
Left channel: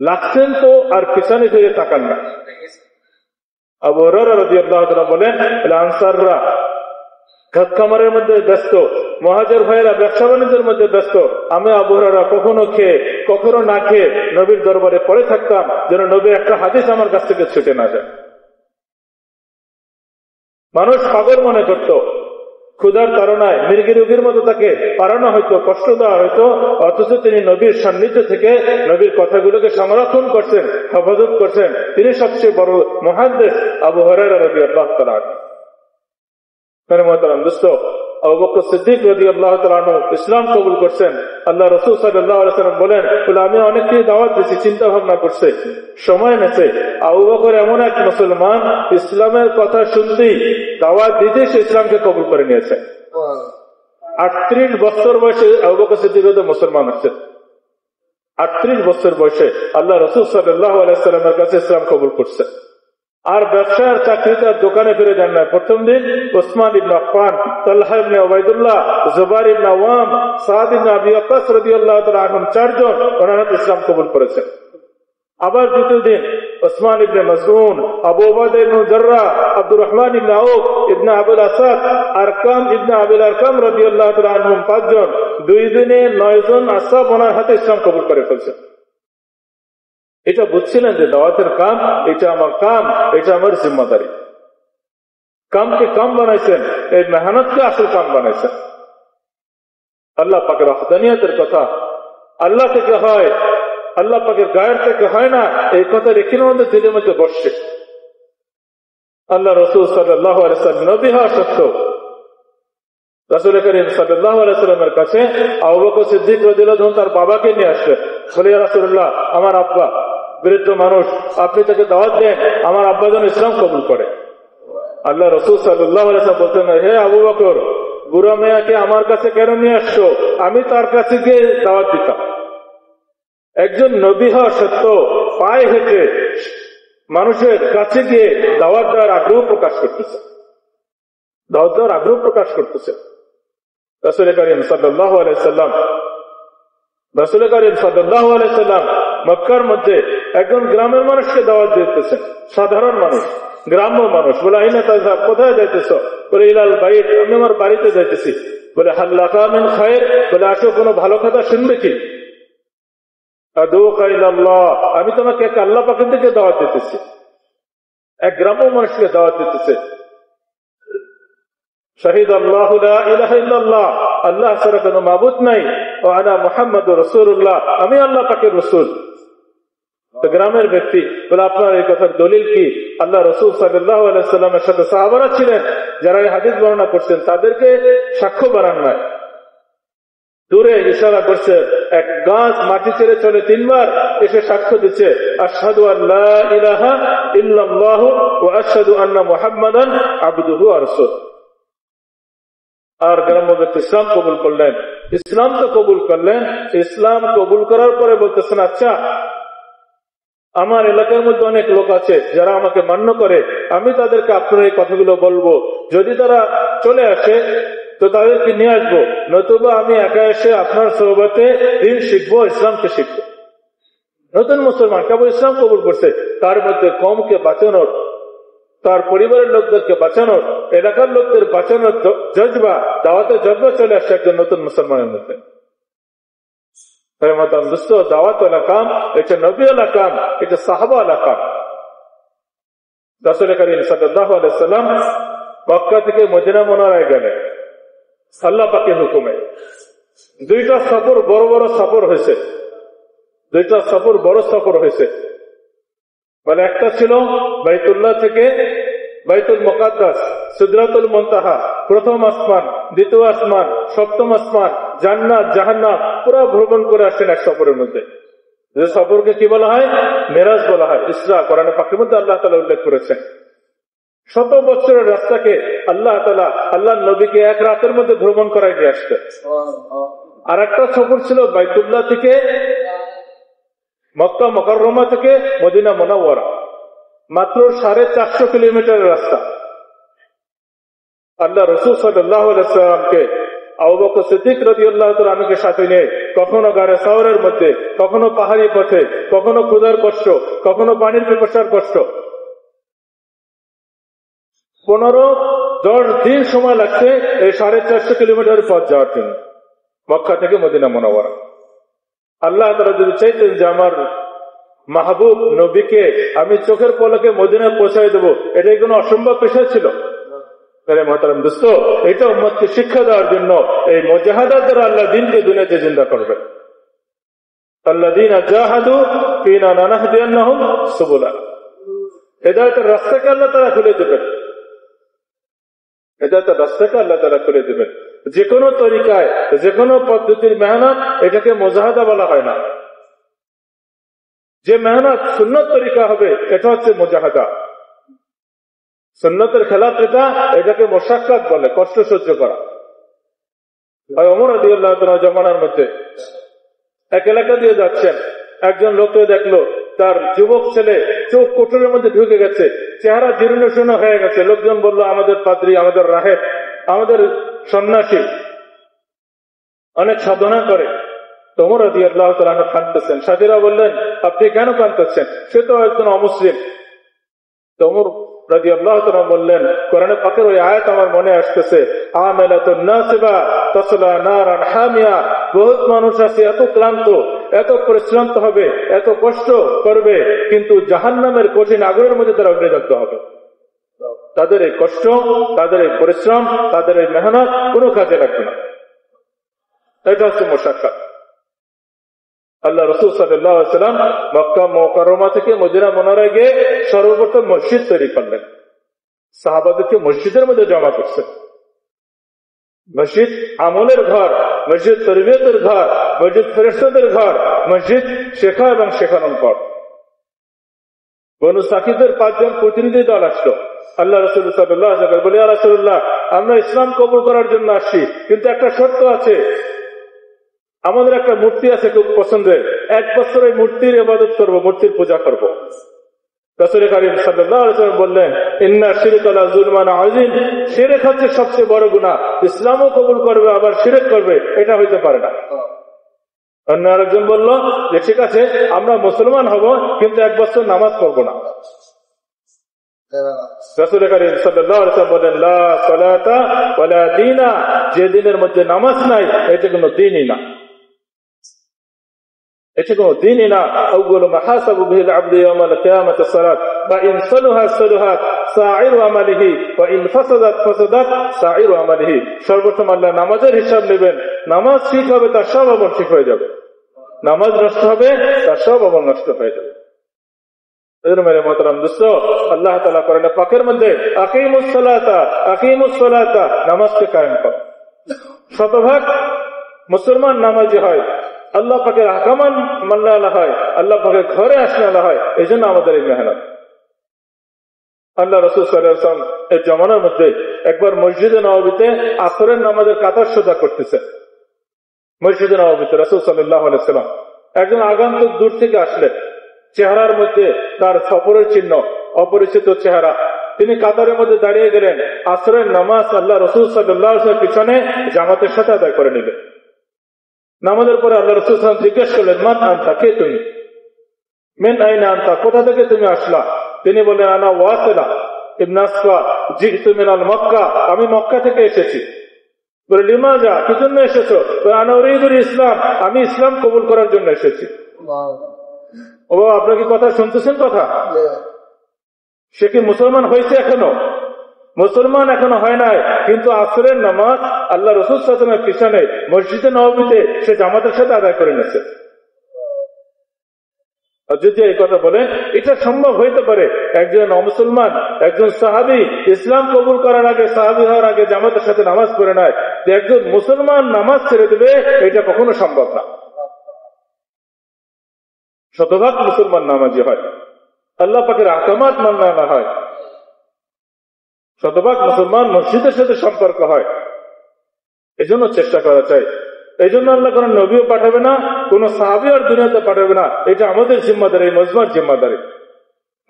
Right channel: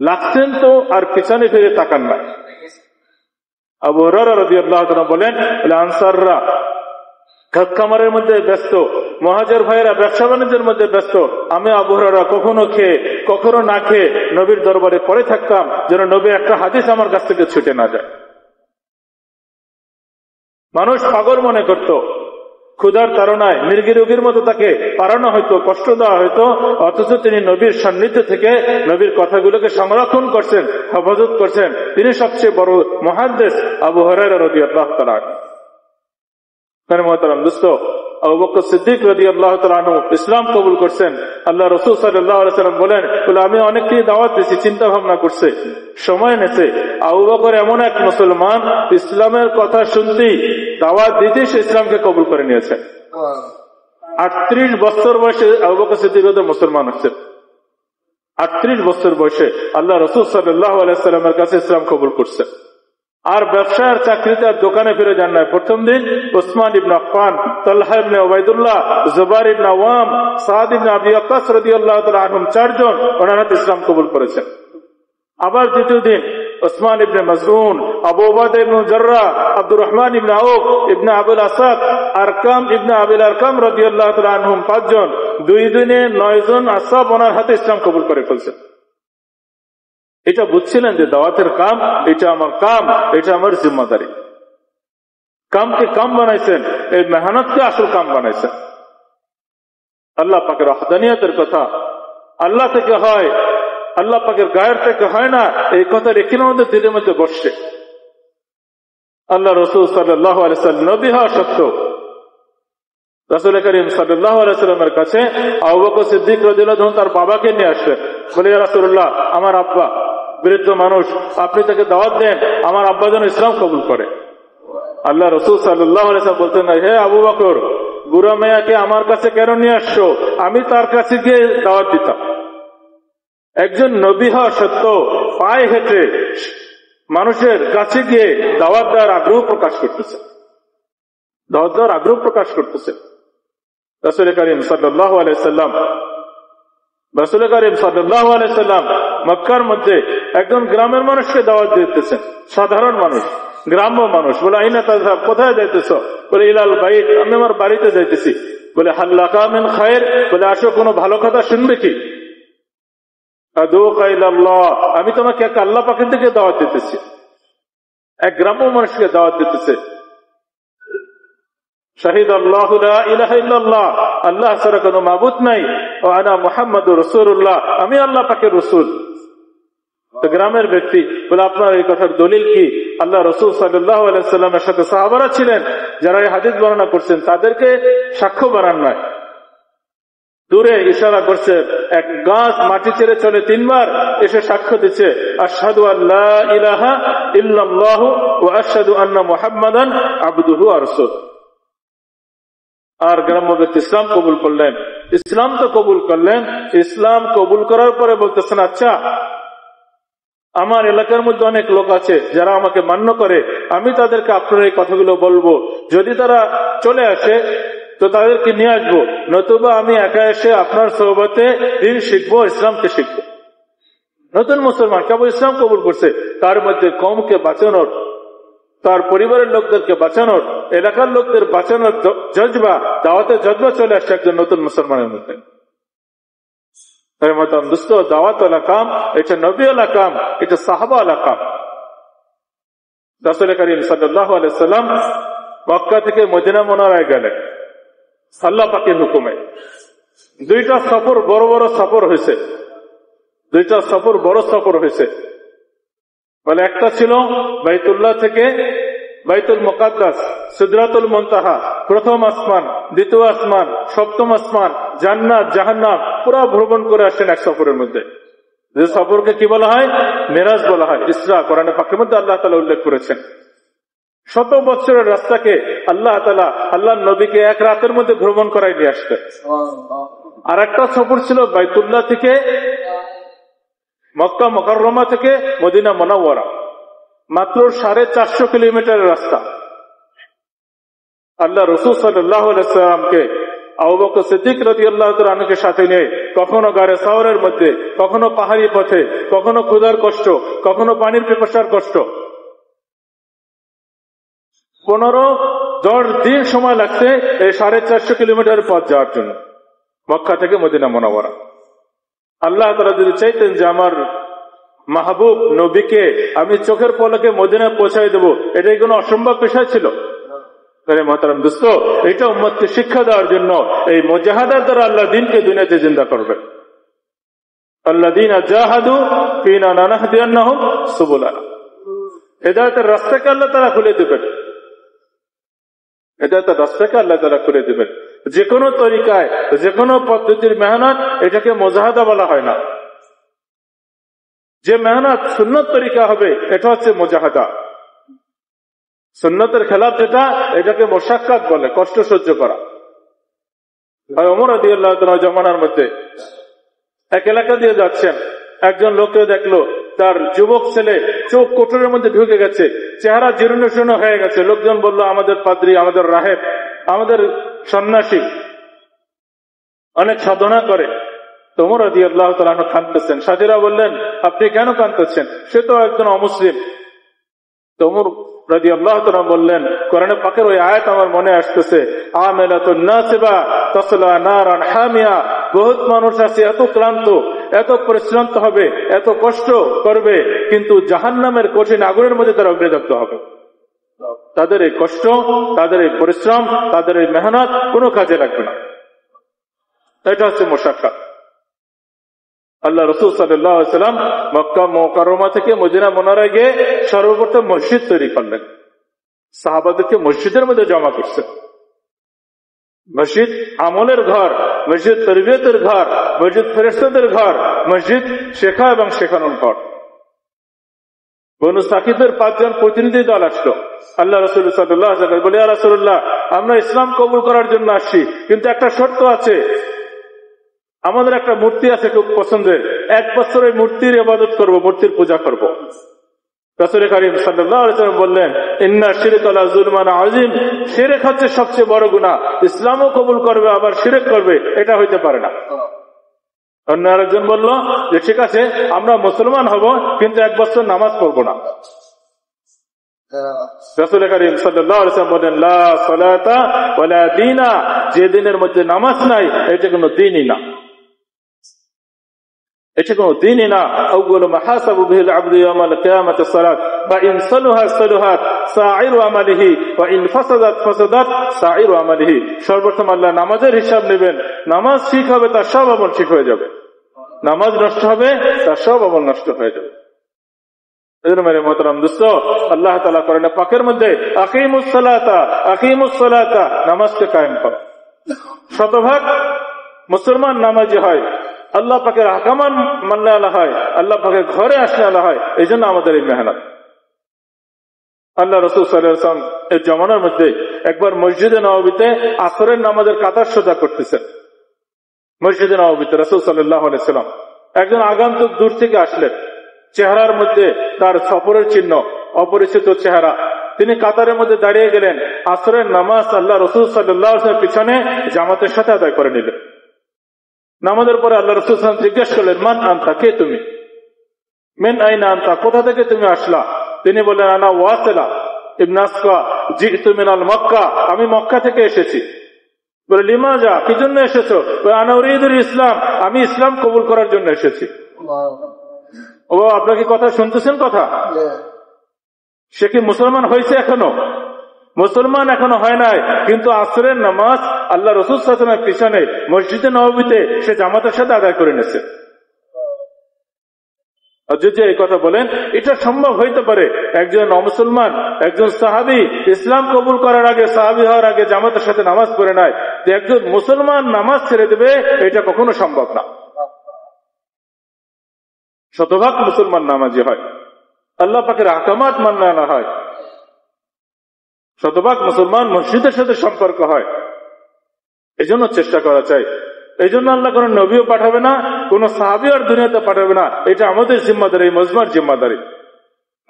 লাগছেন তো আর পিছনে ফিরে তাকান না। আবু হুরায়রা রাদিয়াল্লাহু তাআলা বলেন, আনসাররা খামারের মধ্যে ব্যস্ত, মুহাজির ভাইয়েরা ব্যবসা বাণিজ্যের মধ্যে ব্যস্ত, আমি আবু হুরায়রা কখনো খেয়ে কখনো না খেয়ে নবীর দরবারে পড়ে থাকতাম, যেন নবীর একটা হাদিস আমার কাছ থেকে ছুটে না যায়। মানুষ পাগল মনে করত, ক্ষুধার তাড়নায় মৃগী রোগীর মতো তাকে পারানো হইতো, কষ্ট দেওয়া হইতো, অথচ তিনি নবীর সান্নিধ্য থেকে নবীর কথাগুলোকে সংরক্ষণ করছেন, হেফাজত করছেন। তিনি সবচেয়ে বড় মুহাদ্দিস আবু হুরায়রা রাদিয়াল্লাহু তাআলা আনহু। আবু বকর সিদ্দিক রাদিয়াল্লাহু তাআলা আনহু ইসলাম কবুল করছেন। আল্লাহ রাসূল সাল্লাল্লাহু আলাইহি ওয়াসাল্লাম বলেন, আমি অনেককে দাওয়াত দিয়েছি, চিন্তা ভাবনা করছে, সময় নেছে। আবু বকর এমন এক মুসলমান, ইসলামের কথা শুনতেই দাওয়াত দিতে সে ইসলামকে কবুল করে নিয়েছে। 38 বছর বয়সে আবু বকর সিদ্দিক মুসলমান হচ্ছে। 38 বছর বয়সে আল্লাহ রাসূল সাল্লাল্লাহু আলাইহি ওয়াসাল্লামের কাছে ইসলাম কবুল করছে। আর ব্যবসার চাকরিতে দোকানে ফিরে যান না। প্রথম দিন উসমান ইবনে আফফান, তালহা ইবনে উবাইদুল্লাহ, জুবাইর ইবনে আওয়াম, সাদ ইবনে আবি ওয়াক্কাস রাদিয়াল্লাহু তাআলা আনহুম 4 জন ওনারা ইসলাম কবুল করেছেন। আবার দ্বিতীয় দিন উসমান ইবনে মাসউদ, আবু উবাদা ইবনে জাররাহ, আব্দুর রহমান ইবনে আউফ ইবনে আবুল আসাদ, আরকাম ইবনে আবিল আরকাম রাদিয়াল্লাহু তাআলা আনহুম 5 জন। 2 দিনে 9 জন আসহাব ওনার হাতে ইসলাম কবুল করে ফেলছেন। এটা বুঝছিলেন যে দাওয়াতের কাম, এটা আমার কাম, এটা আমার জিম্মাদারি। কামকে কাম বানাইছেন, এই মেহনতকে আসল কাম বানাইছেন। আল্লাহ পাকের ওয়াহদানিয়তের কথা আল্লাহ থেকে হয়, আল্লাহ পাকের গায়ের থেকে হয় না, এই কথা রেখে আমাদের দিলের মধ্যে বসছে। আল্লাহ রাসূল সাল্লাল্লাহু আলাইহি ওয়াসাল্লাম নবী হওয়া সত্ত্বেও রাসূল করিম সাল্লাল্লাহু আলাইহি ওয়াসাল্লামের কাছে আবু বকর সিদ্দিক রাদিয়াল্লাহু আনহু তার বাবাকে নিয়ে আসলেন। বলে, ইয়া রাসূলুল্লাহ, আমার আব্বা বৃদ্ধ মানুষ, আপনি তাকে দাওয়াত দেন, আমার আব্বা যেন ইসলাম কবুল করে। আল্লাহ রাসূল সাল্লাল্লাহু আলাইহি ওয়াসাল্লাম বলতেন, হে আবু বকর, বুড়ো মেয়াকে আমার কাছে কেন নিয়ে আসছো? আমি তার কাছে গিয়ে দাওয়াত দিতাম। একজন নবী হওয়া সত্ত্বেও পায়ে হেঁটে মানুষের কাছে গিয়ে দাওয়াত দেওয়ার আগ্রহ প্রকাশ করতেছে, দাওয়াত দেওয়ার আগ্রহ প্রকাশ করতেছে। রাসূল করিম সাল্লাল্লাহু আলাইহি ওয়াসাল্লাম মক্কার মধ্যে একজন গ্রামের মানুষকে দাওয়াত দিতেছেন, সাধারণ মানুষ, গ্রাম্য মানুষ। বলে, আইনা তাযহাব, কোথায় যাইতেছ? বলে, ইলাল বাইত, আমি আমার বাড়িতে যাইতেছি। বলে, হাল লাকা মিন খায়র, বলে, আসো, কোনো ভালো কথা শুনবে কি? আদউকা ইলাল্লাহ, আমি তোমাকে এক আল্লাহ পাকের দিকে দাওয়াত দিতেছি। এক গ্রাম্য মানুষকে দাওয়াত দিতেছে। শাহিদ আল্লাহু লা ইলাহা ইল্লাল্লাহ, আল্লাহ ছাড়া কোনো মাবুদ নাই, ওয়া আনা মুহাম্মাদুর রাসূলুল্লাহ, আমি আল্লাহ পাকের রাসূল। তো গ্রামের ব্যক্তি বলে, আপনার এই কথার দলিল কি? আল্লাহ রাসূল সাল্লাল্লাহু আলাইহি ওয়াসাল্লামের সাথে সাহাবারা ছিলেন যারা এই হাদিস বর্ণনা করছেন, তাদেরকে সাক্ষ্য বানান নয়। দূরে ইশারা করছে, এক গাছ মাটি ছেড়ে চলে 3 বার এসে সাক্ষ্য দিচ্ছে, আশহাদু আল্লা ইলাহা ইল্লাল্লাহু ওয়া আশহাদু আন্না মুহাম্মাদান আবদুহু ওয়া রাসূলুহু। আর গ্রাম্য ব্যক্তি ইসলাম কবুল করলেন। ইসলাম তো কবুল করলেন, ইসলাম কবুল করার পরে বলতেছেন, আচ্ছা, আমার এলাকার মধ্যে অনেক লোক আছে যারা আমাকে মান্য করে, আমি তাদেরকে আপনার এই কথাগুলো বলবো। যদি তারা চলে আসে তো তাদেরকে নিয়ে আসবো, নতুবা আমি একা এসে আপনার সোহবতে দিন শিখবো, ইসলামকে শিখবো। নতুন মুসলমান কেবল ইসলাম কবুল করছে, তার মধ্যে কমকে বাঁচানোর তার পরিবারের লোকদেরকে বাঁচানোর, এলাকার লোকদের বাঁচানোর জজবা, দাওয়াতের জজবা চলে আসছে একজন নতুন মুসলমানের মধ্যে। দাওয়াত ওয়ালা কাম, এটা নবী ওয়ালা কাম, এটা সাহাবা ওয়ালা কাম। রাসূল করিম সাল্লাল্লাহু আলাইহি ওয়াসাল্লাম মক্কা থেকে মদিনা মুনাওয়ারায় গেলেন আল্লাহ পাকের হুকুমে। দুইটা সফর, বড় বড় সফর হয়েছে, দুইটা সফর বড় সফর হয়েছে। বলে একটা ছিল বাইতুল্লাহ থেকে বাইতুল মুকাদ্দাস, সিদরাতুল মুনতাহা, প্রথম আসমান, দ্বিতীয় আসমান, সপ্তম আসমান, জান্নাত, জাহান্নাম পুরো ভ্রমণ করে আসছেন এক সফরের মধ্যে। যে সফরকে কি বলা হয়? মেরাজ বলা হয়। ইসরা কোরআনে পাকের মধ্যে আল্লাহ তাআলা উল্লেখ করেছেন। 100 বছরের রাস্তাকে আল্লাহ তাআলা আল্লাহ নবীকে এক রাতের মধ্যে ভ্রমণ করাই দিয়ে আসতেন। আর একটা সফর ছিল বাইতুল্লাহ থেকে মক্কা মুকাররমা থেকে মদিনা মুনাওয়ারা, মাত্র 450 কিলোমিটারের রাস্তা। আল্লাহ রাসূল সাল্লাল্লাহু আলাইহি ওয়াসাল্লামকে আবু বকর সিদ্দিক রাদিয়াল্লাহু তাআলা আনহুকে সাথে নিয়ে কখনো গারে সাওয়ারের মধ্যে, কখনো পাহাড়ি পথে, কখনো ক্ষুধার কষ্ট, কখনো পানির পিপাসার কষ্ট, 15-10 দিন সময় লাগছে এই 450 কিলোমিটার পথ যাওয়ার জন্য মক্কা থেকে মদিনা মুনাওয়ারা। আল্লাহ তাআলা যদি চাইতেন যে আমার মাহবুব নবীকে আমি চোখের পলকে মদিনায় পৌঁছাই দেবো, এটাই কোনো অসম্ভব বিষয় ছিল? মহতারাম দোস্ত, এটা উম্মতকে শিক্ষা দেওয়ার জন্য এই মুজাহাদার দ্বারা আল্লাহ দ্বীনকে দুনিয়াতে জিন্দা করবে। আল্লাযীনা জাহাদু ফীনা লানাহদিয়ান্নাহুম সুবুলানা। হেদায়েতের রাস্তাকে আল্লাহ তাআলা খুলে দেবেন, হেদায়েতের রাস্তাকে আল্লাহ তাআলা খুলে দেবেন। যে কোনো তরিকায়, যে কোনো পদ্ধতির মেহনত, এটাকে মুজাহাদা বলা হয় না। যে মেহনত সুন্নত তরিকা হবে এটা হচ্ছে মুজাহাদা। সুন্নতের খেলাফ এটাকে মুশাক্কাত বলে, কষ্ট সহ্য করা। ওমর রাদিয়াল্লাহু তাআলা জামানার মধ্যে এক এলাকা দিয়ে যাচ্ছেন, একজন লোককে দেখলো তার যুবক ছেলে চোখ কোটরের মধ্যে ঢুকে গেছে, চেহারা জীর্ণ শীর্ণ হয়ে গেছে। লোকজন বলল আমাদের পাদ্রী, আমাদের রাহেব, আমাদের সন্ন্যাসী অনেক সাধনা করে। ওমর রাদিয়াল্লাহু তাআলা কাঁদতেছেন। সাথীরা বললেন আপনি কেন কাঁদতেছেন? সে তো একজন অমুসলিম। ওমর রাদিয়াল্লাহু তাআলা বললেন, কোরআনে পাকের ওই আয়াত আমার মনে আসতেছে, আমালাতুন নাসিবা তাসলা নারান হামিয়া। বহুত মানুষ আছে এত ক্লান্ত, এত পরিশ্রান্ত হবে, এত কষ্ট করবে, কিন্তু জাহান্নামের কঠিন আগুনের মধ্যে তারা অগ্নিদগ্ধ হবে। তাদের এই কষ্ট, তাদের এই পরিশ্রম, তাদের এই মেহনত কোনো কাজে লাগবে না। এটা হচ্ছে মুশাক্কাত। আল্লাহ রাসূল সাল্লাল্লাহু আলাইহি ওয়াসাল্লাম মক্কা মুকাররমা থেকে মদিনা মুনাওয়ারায় গিয়ে সর্বপ্রথম মসজিদ তৈরি করলেন। সাহাবাদেরকে মসজিদের মধ্যে জমা করছেন। মসজিদ আমলের ঘর, মসজিদ তরবিয়তের ঘর, মসজিদ ফেরেশতাদের ঘর, মসজিদ শেখা এবং শেখানোর ঘর। বনু সাকিবের 5 জন প্রতিনিধি দল আসলো। আল্লাহ রাসূল সাল্লাল্লাহু আলাইহি ওয়াসাল্লাম বলে, ইয়া রাসূলুল্লাহ, আমরা ইসলাম কবুল করার জন্য আসছি, কিন্তু একটা শর্ত আছে। আমাদের একটা মূর্তি আছে খুব পছন্দের, 1 বছর এই মূর্তির ইবাদত করব, মূর্তির পূজা করব। রাসূল কারীম সাল্লাল্লাহু আলাইহি ওয়াসাল্লাম বললেন, ইন্না শিরকা লা যুলমান আযীম। শিরক হচ্ছে সবচেয়ে বড় গুনাহ। ইসলামও কবুল করবে আবার শিরক করবে, এটা হইতে পারে না। অন্য আরেকজন বলল যে ঠিক আছে, আমরা মুসলমান হব, কিন্তু 1 বছর নামাজ পড়ব না। রাসূল কারীম সাল্লাল্লাহু আলাইহি ওয়াসাল্লাম বলেন, লা সালাতা ওয়ালা দীনা। যে দিনের মধ্যে নামাজ নাই, এটা কোনো দ্বীনই না, এটা কোনো দ্বীনই না। আউয়ালু মা হাসাবু বিহিল আবদু ইয়াওমাল কিয়ামাতিস সালাত, ফা ইন সালাহা সালাহাত সাইরু আমালিহি ওয়া ইন ফাসাদাত ফাসাদাত সাইরু আমালিহি। সর্বপ্রথম আল্লাহ নামাজের হিসাব নেবেন। নামাজ ঠিক হবে, তার সব আমল ঠিক হয়ে যাবে। নামাজ নষ্ট হবে, তার সব আমল নষ্ট হয়ে যাবে। মেরে মোহতারাম দোস্ত, আল্লাহ তাআলা কোরআনে পাকের মধ্যে আকিমুস সালাতা, নামাজকে কায়েম করো। শতভাগ মুসলমান নামাজি হয়, আল্লাহ পাকের আহকাম মানলে আলা হয়, আল্লাহ পাকের ঘরে আসলে আলা হয়। এই জন্য আমাদের এই মেহনত। আল্লাহ রাসূল সাল্লাল্লাহু আলাইহি ওয়াসাল্লাম এর জামানার মধ্যে একবার মসজিদে নববীতে আসরের নামাজের কাতার সোজা করতেছেন। মসজিদে নববীতে রাসূল সাল্লাল্লাহু আলাইহি ওয়াসাল্লাম একজন আগন্তুক দূর থেকে আসলেন। চেহারার মধ্যে তার সফরের চিহ্ন, অপরিচিত চেহারা। তিনি কাতারের মধ্যে দাঁড়িয়ে গেলেন। আসরের নামাজ আল্লাহ রাসূল সাল্লাল্লাহু আলাইহি ওয়াসাল্লামের পিছনে জামাতের সাথে আদায় করে নিলেন। নামাজের পরে আল্লাহ রাসূল সাল্লাল্লাহু আলাইহি ওয়াসাল্লাম জিজ্ঞেস করলেন, মান আনতা, কে তুমি? মিন আইনা আনতা, কোথা থেকে তুমি আসলা? তিনি বললেন, আনা ওয়াসিলা, ইবনে আসফা জিতু মিনাল মক্কা, আমি মক্কা থেকে এসেছি। বলে লিমাজা, কি জন্য এসেছো? আনা উরিদুল ইসলাম, আমি ইসলাম কবুল করার জন্য এসেছি। ও আপনার কি কথা শুনতেছেন? কথা, সে কি মুসলমান হয়েছে? এখনো মুসলমান এখনো হয় নাই, কিন্তু আসরের নামাজ আল্লাহ রাসূল সাল্লাল্লাহু আলাইহি ওয়াসাল্লামের পিছনে মসজিদে নববীতে সে জামাতের সাথে আদায় করে নিয়েছে। যদি এই কথা বলেন, এটা সম্ভব হইতে পারে একজন অমুসলমান, একজন সাহাবী ইসলাম কবুল করার আগে, সাহাবী হওয়ার আগে জামাতের সাথে নামাজ পড়ে নাই, একজন মুসলমান নামাজ ছেড়ে দেবে, এটা কখনো সম্ভব না। শতভাগ মুসলমান নামাজি হয়, আল্লাহ পাকের আহকামাত মানা না হয়, শতভাগ মুসলমান মসজিদের সাথে সম্পর্ক হয়। এজন্য চেষ্টা করা চাই। এই জন্য আল্লাহ কোন নবীও পাঠাবে না, কোন সাহাবী আর দুনিয়াতে পাঠাবে না। এটা আমাদের জিম্মাদারি, মজমার জিম্মাদারি।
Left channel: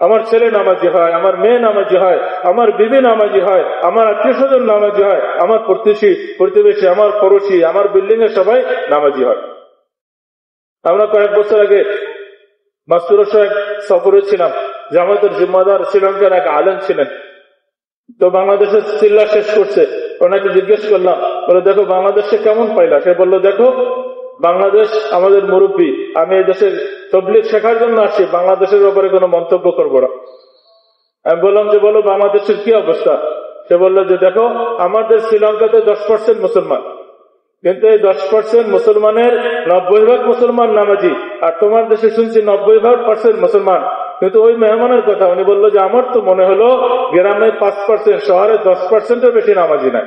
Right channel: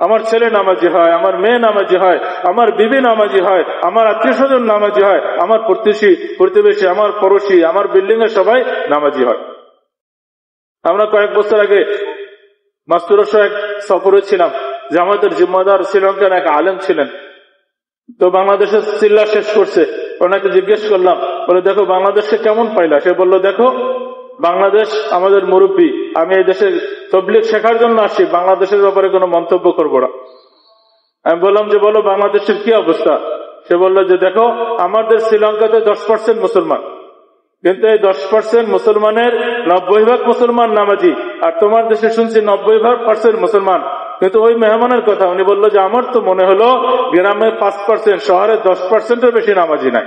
আমার ছেলে নামাজি হয়, আমার মেয়ে নামাজি হয়, আমার বিবি নামাজি হয়, আমার আত্মীয় স্বজন নামাজি হয়, আমার প্রতিবেশী, আমার পড়োশি, আমার বিল্ডিং এর সবাই নামাজি হয়। আমরা কয়েক বছর আগে মাস্তুরস এক সফরে ছিলাম, যে আমাদের জিম্মাদার শ্রীলঙ্কার এক আলেম ছিলেন। তো বাংলাদেশের চিল্লা শেষ করছে, ওনাকে জিজ্ঞেস করলাম, বলে দেখো বাংলাদেশে কেমন পাইলা? সে বললো, দেখো বাংলাদেশ আমাদের মুরব্বী, আমি এই দেশে তাবলীগ শেখার জন্য আসছি, বাংলাদেশের ব্যাপারে কোনো মন্তব্য করবো না। আমি বললাম যে বলো বাংলাদেশের কি অবস্থা? সে বললো যে দেখো আমাদের শ্রীলঙ্কাতে 10% মুসলমান, কিন্তু এই 10% মুসলমানের 90% মুসলমান নামাজি, আর তোমার দেশে শুনছি 90% মুসলমান। কিন্তু ওই মেহমানের কথা উনি বললো যে আমার তো মনে হলো গ্রামে 5%, শহরে 10%-এর বেশি নামাজি নাই।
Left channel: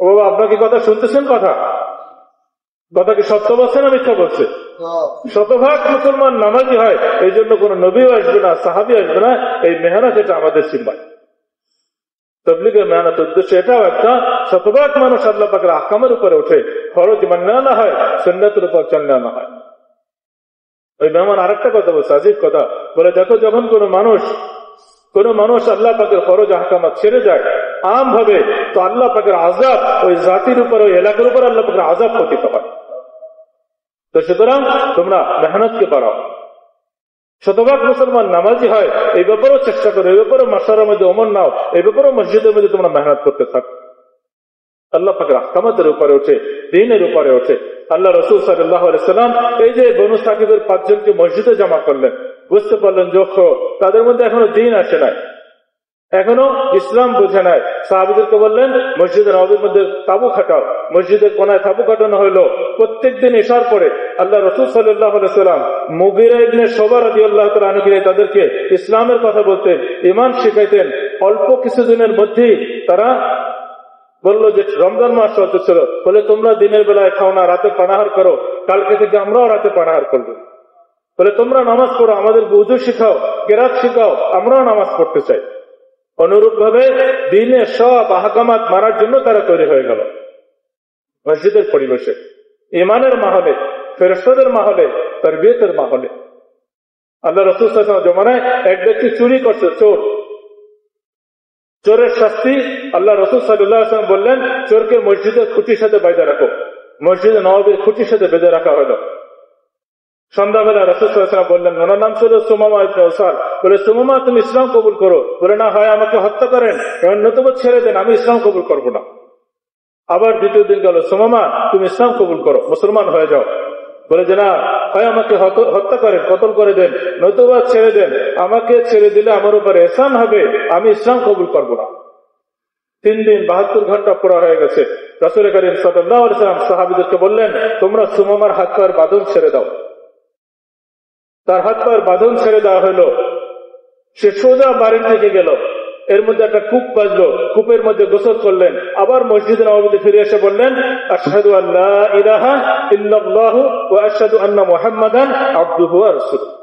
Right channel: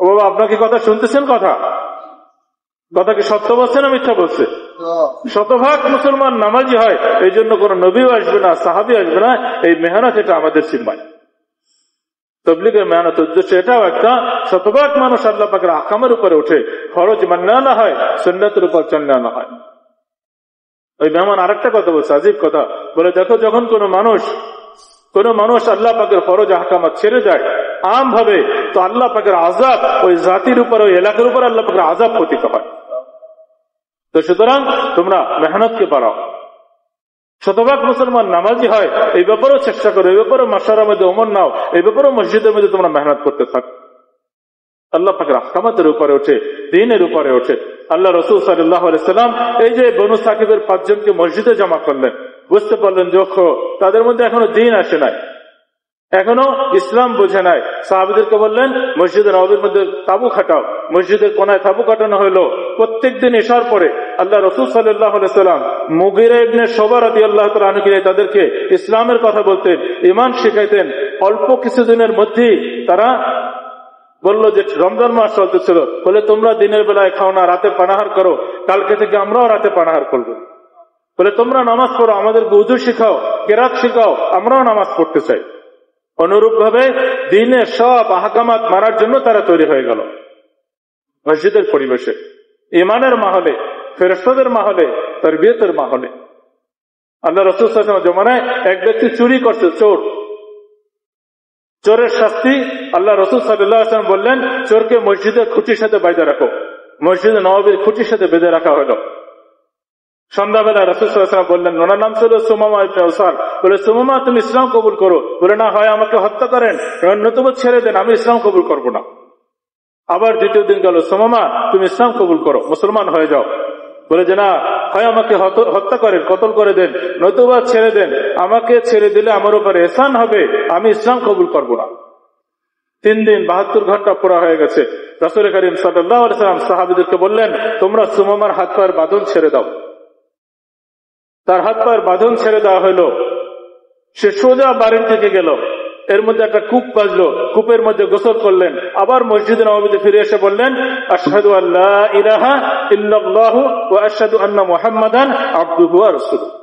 ও আপনাকে কথা শুনতেছেন? কথা কি সত্য বলছে না মিথ্যা বলছে? শতভাগ মুসলমান নামাজি হয়, এই জন্য কোন নবীও আসবে না, সাহাবী আসবে না। এই মেহনত এটা আমাদের সিম্বায়। তাবলীগের মেহনত উদ্দেশ্য এটাও একটা, শতভাগ মানুষ আল্লাহ পাকের আহকামের উপরে ওঠে, ফরজ মান্না না হয়, সুন্নাতের উপর চলনা না হয়। ওই মেহমান আরেকটা কথা বলছে, আজীব কথা, বলে দেখো যখন কোন মানুষ আল্লাহ পাকের ফরজ আহকামাত ছেড়ে যায় আম ভাবে, তো আল্লাহ পাকের আযাব ওই জাতির উপর, ওই এলাকার উপর আল্লাহ পাকের আযাব পতিত হয়। তো সুতরাং তোমরা মেহনতকে বাড়াও। শতভাগ মুসলমান নামাজি হয়, এই ব্যাপারেও চেষ্টা করো, এই ব্যাপারেও মাশারার মধ্যে ওমর নাও, এই ব্যাপারেও মসজিদের মধ্যে তোমরা মেহনত করতে থাকো। আল্লাহ পাকের আহকামাতের উপরে ওঠে, দ্বীনের উপরে ওঠে। আল্লাহ রাসূল সাল্লাল্লাহু আলাইহি সাল্লাম এই যে বনু সাকিবের 5 জনকে মসজিদে জমা করলেন, বুঝতে পারলেন যে তাদের মধ্যে এখনো দ্বীন আসে নাই, এখনো ইসলাম বোঝে নাই। সাহাবীদেরকে বললেন মসজিদের নববীর মধ্যে তাবু খাটাও। মসজিদের কোনায় তাবু কাটানো হলো। প্রত্যেকদিন এশার পরে আল্লাহ রাসূল সাল্লাল্লাহু আলাইহি সাল্লাম মুগীরা ইবনে শুবা রাদিয়াল্লাহু তাআলা আনহু তাদেরকে ইসলামের কথা বলতেন, ঈমান শিখাইতেন। অল্প কিছুদিনের মধ্যেই তারা বলল যে রমজান মাস চলতেছিল, বলে তোমরা দিনের বেলায় খাও না, রাতে পানাহার করো, কালকে থেকে আমরাও রাতে পানাহার করবো। বলে তোমরা নামাজ পড়ো, আমাদেরকে উযু শিখাও, কিরাত শিখাও, আমরাও নামাজ পড়তে চাই। অনুরূপ ভাবে দ্বীনের সব আহকামাত মানার জন্য তারা তৈরি হয়ে গেল। মসজিদের পরিবেশে, ঈমানের মাহলে, ফেরেশতাদের মাহলে, তারবিয়তের মাহলে। আল্লাহ রাসূল সাল্লাল্লাহু আলাইহি ওয়াসাল্লাম জমানায় এক ব্যক্তি চুরি করছে, চোরের শাস্তি আল্লাহ রাসূল সাল্লাল্লাহু আলাইহি ওয়াসাল্লাম বললেন চোরকে মসজিদের খুঁটির সাথে বেঁধে রাখো। মসজিদে নববীর খুঁটির সাথে বেঁধে রাখা হলো। সন্ধ্যাবেলা রাসূল সাল্লাল্লাহু আলাইহি ওয়াসাল্লাম বললেন, ওনার নাম ছিল সুমামা ইবনে উসার। বলে সুমামা তুমি ইসলাম কবুল করো। বলে না, হয় আমাকে হত্যা করেন, নতুবা ছেড়ে দেন, আমি ইসলাম কবুল করবো না। আবার দ্বিতীয় দিন গেল, সুমামা তুমি ইসলাম কবুল করো, মুসলমান হয়ে যাও। বলে যে না, হয় আমাকে হত্যা করেন, কতল করে দেন, নতুবা ছেড়ে দেন, আমাকে ছেড়ে দিলে আমার উপর এহসান হবে, আমি ইসলাম কবুল করবো না। 3 দিন 72 ঘন্টা পুরা হয়ে গেছে। রাসূল করিম সাল্লাল্লাহু আলাইহি ওয়াসাল্লাম সাহাবীদেরকে বললেন, তোমরা সুমামার হাত পায়ের বাঁধন ছেড়ে দাও। তার হাত পায়ের বাঁধন ছেড়ে দেওয়া হলো। সে সোজা বাড়ির থেকে গেল, এর মধ্যে একটা কূপ বাজলো, কূপের মধ্যে গোসল করলেন। আবার মসজিদে নববীতে ফিরে এসে বললেন, আশহাদু আল্লা ইলাহা ইল্লাল্লাহু ওয়া আশহাদু আন্না মুহাম্মাদান আবদুহু ওয়া রাসূলুহু।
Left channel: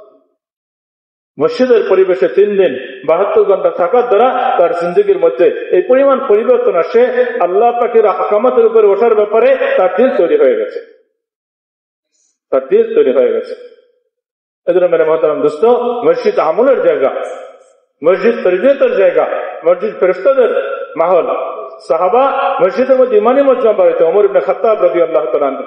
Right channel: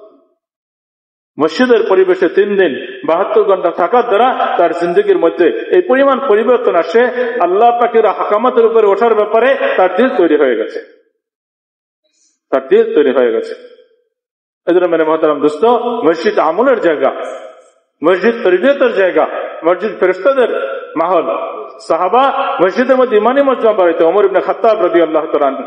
মসজিদের পরিবেশে 3 দিন 72 ঘন্টা থাকার দ্বারা তার জিন্দগির মধ্যে এই পরিমাণ পরিবর্তন আসে, আল্লাহ পাকের আহকামাতের উপরে ওঠার ব্যাপারে তার দিল তৈরি হয়ে গেছে, তার দিল তৈরি হয়ে গেছে। এজন্য মেরে মুহতারাম দোস্ত, মসজিদ আমলের জায়গা, মসজিদ তরবিয়তের জায়গা, মসজিদ ফেরেশতাদের মাহল। সাহাবা মসজিদের মধ্যে ইমানি মজমা বাড়াইতে। ওমর ইবনে খাত্তাব রাদিয়াল্লাহু তাআলা আনহু,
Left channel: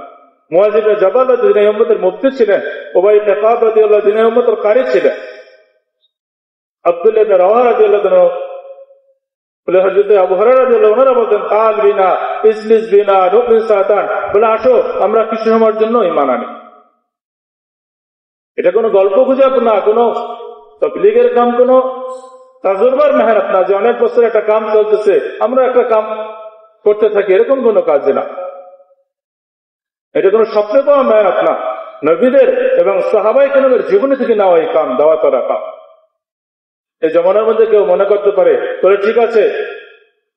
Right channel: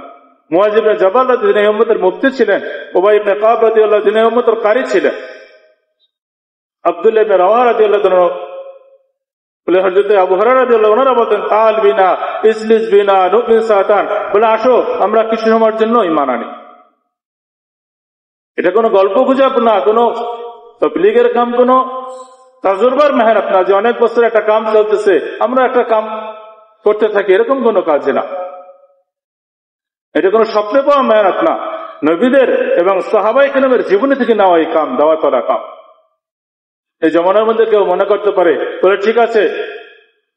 মুআয ইবনে জাবাল রাদিয়াল্লাহু উম্মতের মুফতি ছিলেন, উবাই ইবনে কাব রাদিয়াল্লাহু উম্মতের কারি ছিলেন। আব্দুল্লাহ ইবনে রাওয়াহা রাদিয়াল্লাহু আনহু বলে হযরত আবু হুরায়রা রাদিয়াল্লাহু আনহু বলেন তাল বিনা ইসলিস বিনা নুমিন সাতান, বলে আসো আমরা কিছু সময়ের জন্য ঈমান আনি। এটা কোনো গল্প গুজব না, কোনো তাবলীগের কাম, কোনো তাজরবার মেহনত না যে অনেক বছর একটা কাম চলতেছে আমরা একটা কাম করতে থাকি, এরকম কোনো কাজ না। এটা কোনো স্বপ্নে পাওয়া মেহনত না, নবীদের এবং সাহাবায়ে কেরামের জীবনী থেকে নেওয়া এই কাম, দাওয়াত করা কাম। এই জমানার মধ্যে কেউ মনে করতে পারে বলে ঠিক আছে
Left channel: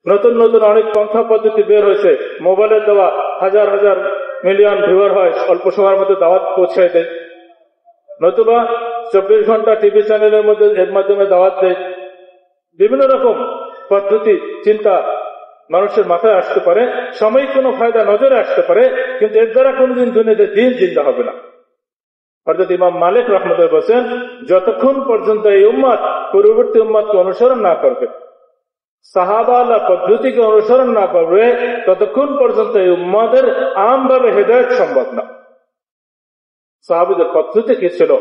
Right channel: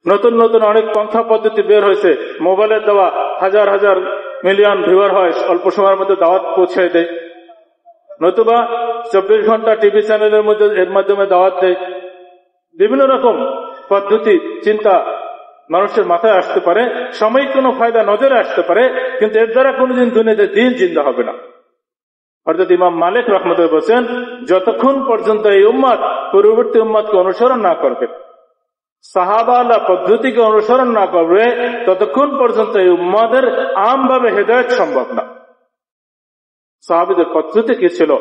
নতুন নতুন অনেক পন্থা পদ্ধতি বের হয়েছে, মোবাইলের দেওয়া হাজার হাজার মিলিয়ন ভিউয়ার হয়, অল্প সময়ের মধ্যে দাওয়াত পৌঁছে দেয়, নতুবা 24 ঘন্টা টিভি চ্যানেলের মধ্যে এর মাধ্যমে দাওয়াত দেয়। বিভিন্ন রকম পদ্ধতি চিন্তা মানুষের মাথায় আসতে পারে, সাময়িক কোনো ফায়দা নজরে আসতে পারে, কিন্তু এর দ্বারা কোনোদিন দুনিয়াতে দিন জিন্দা হবে না। অর্থাৎ ইমাম মালিক রাহমাতুল্লাহ বলেছেন যতক্ষণ পর্যন্ত এই উম্মত পূর্ববর্তী উম্মতকে অনুসরণ না করবে, সাহাবালা পদ্ধতিকে অনুসরণ না করবে, ততক্ষণ পর্যন্ত এই উম্মতের আমভাবে হেদায়েত সম্ভব না। সাহাবীদের পদ্ধতি কি ছিল,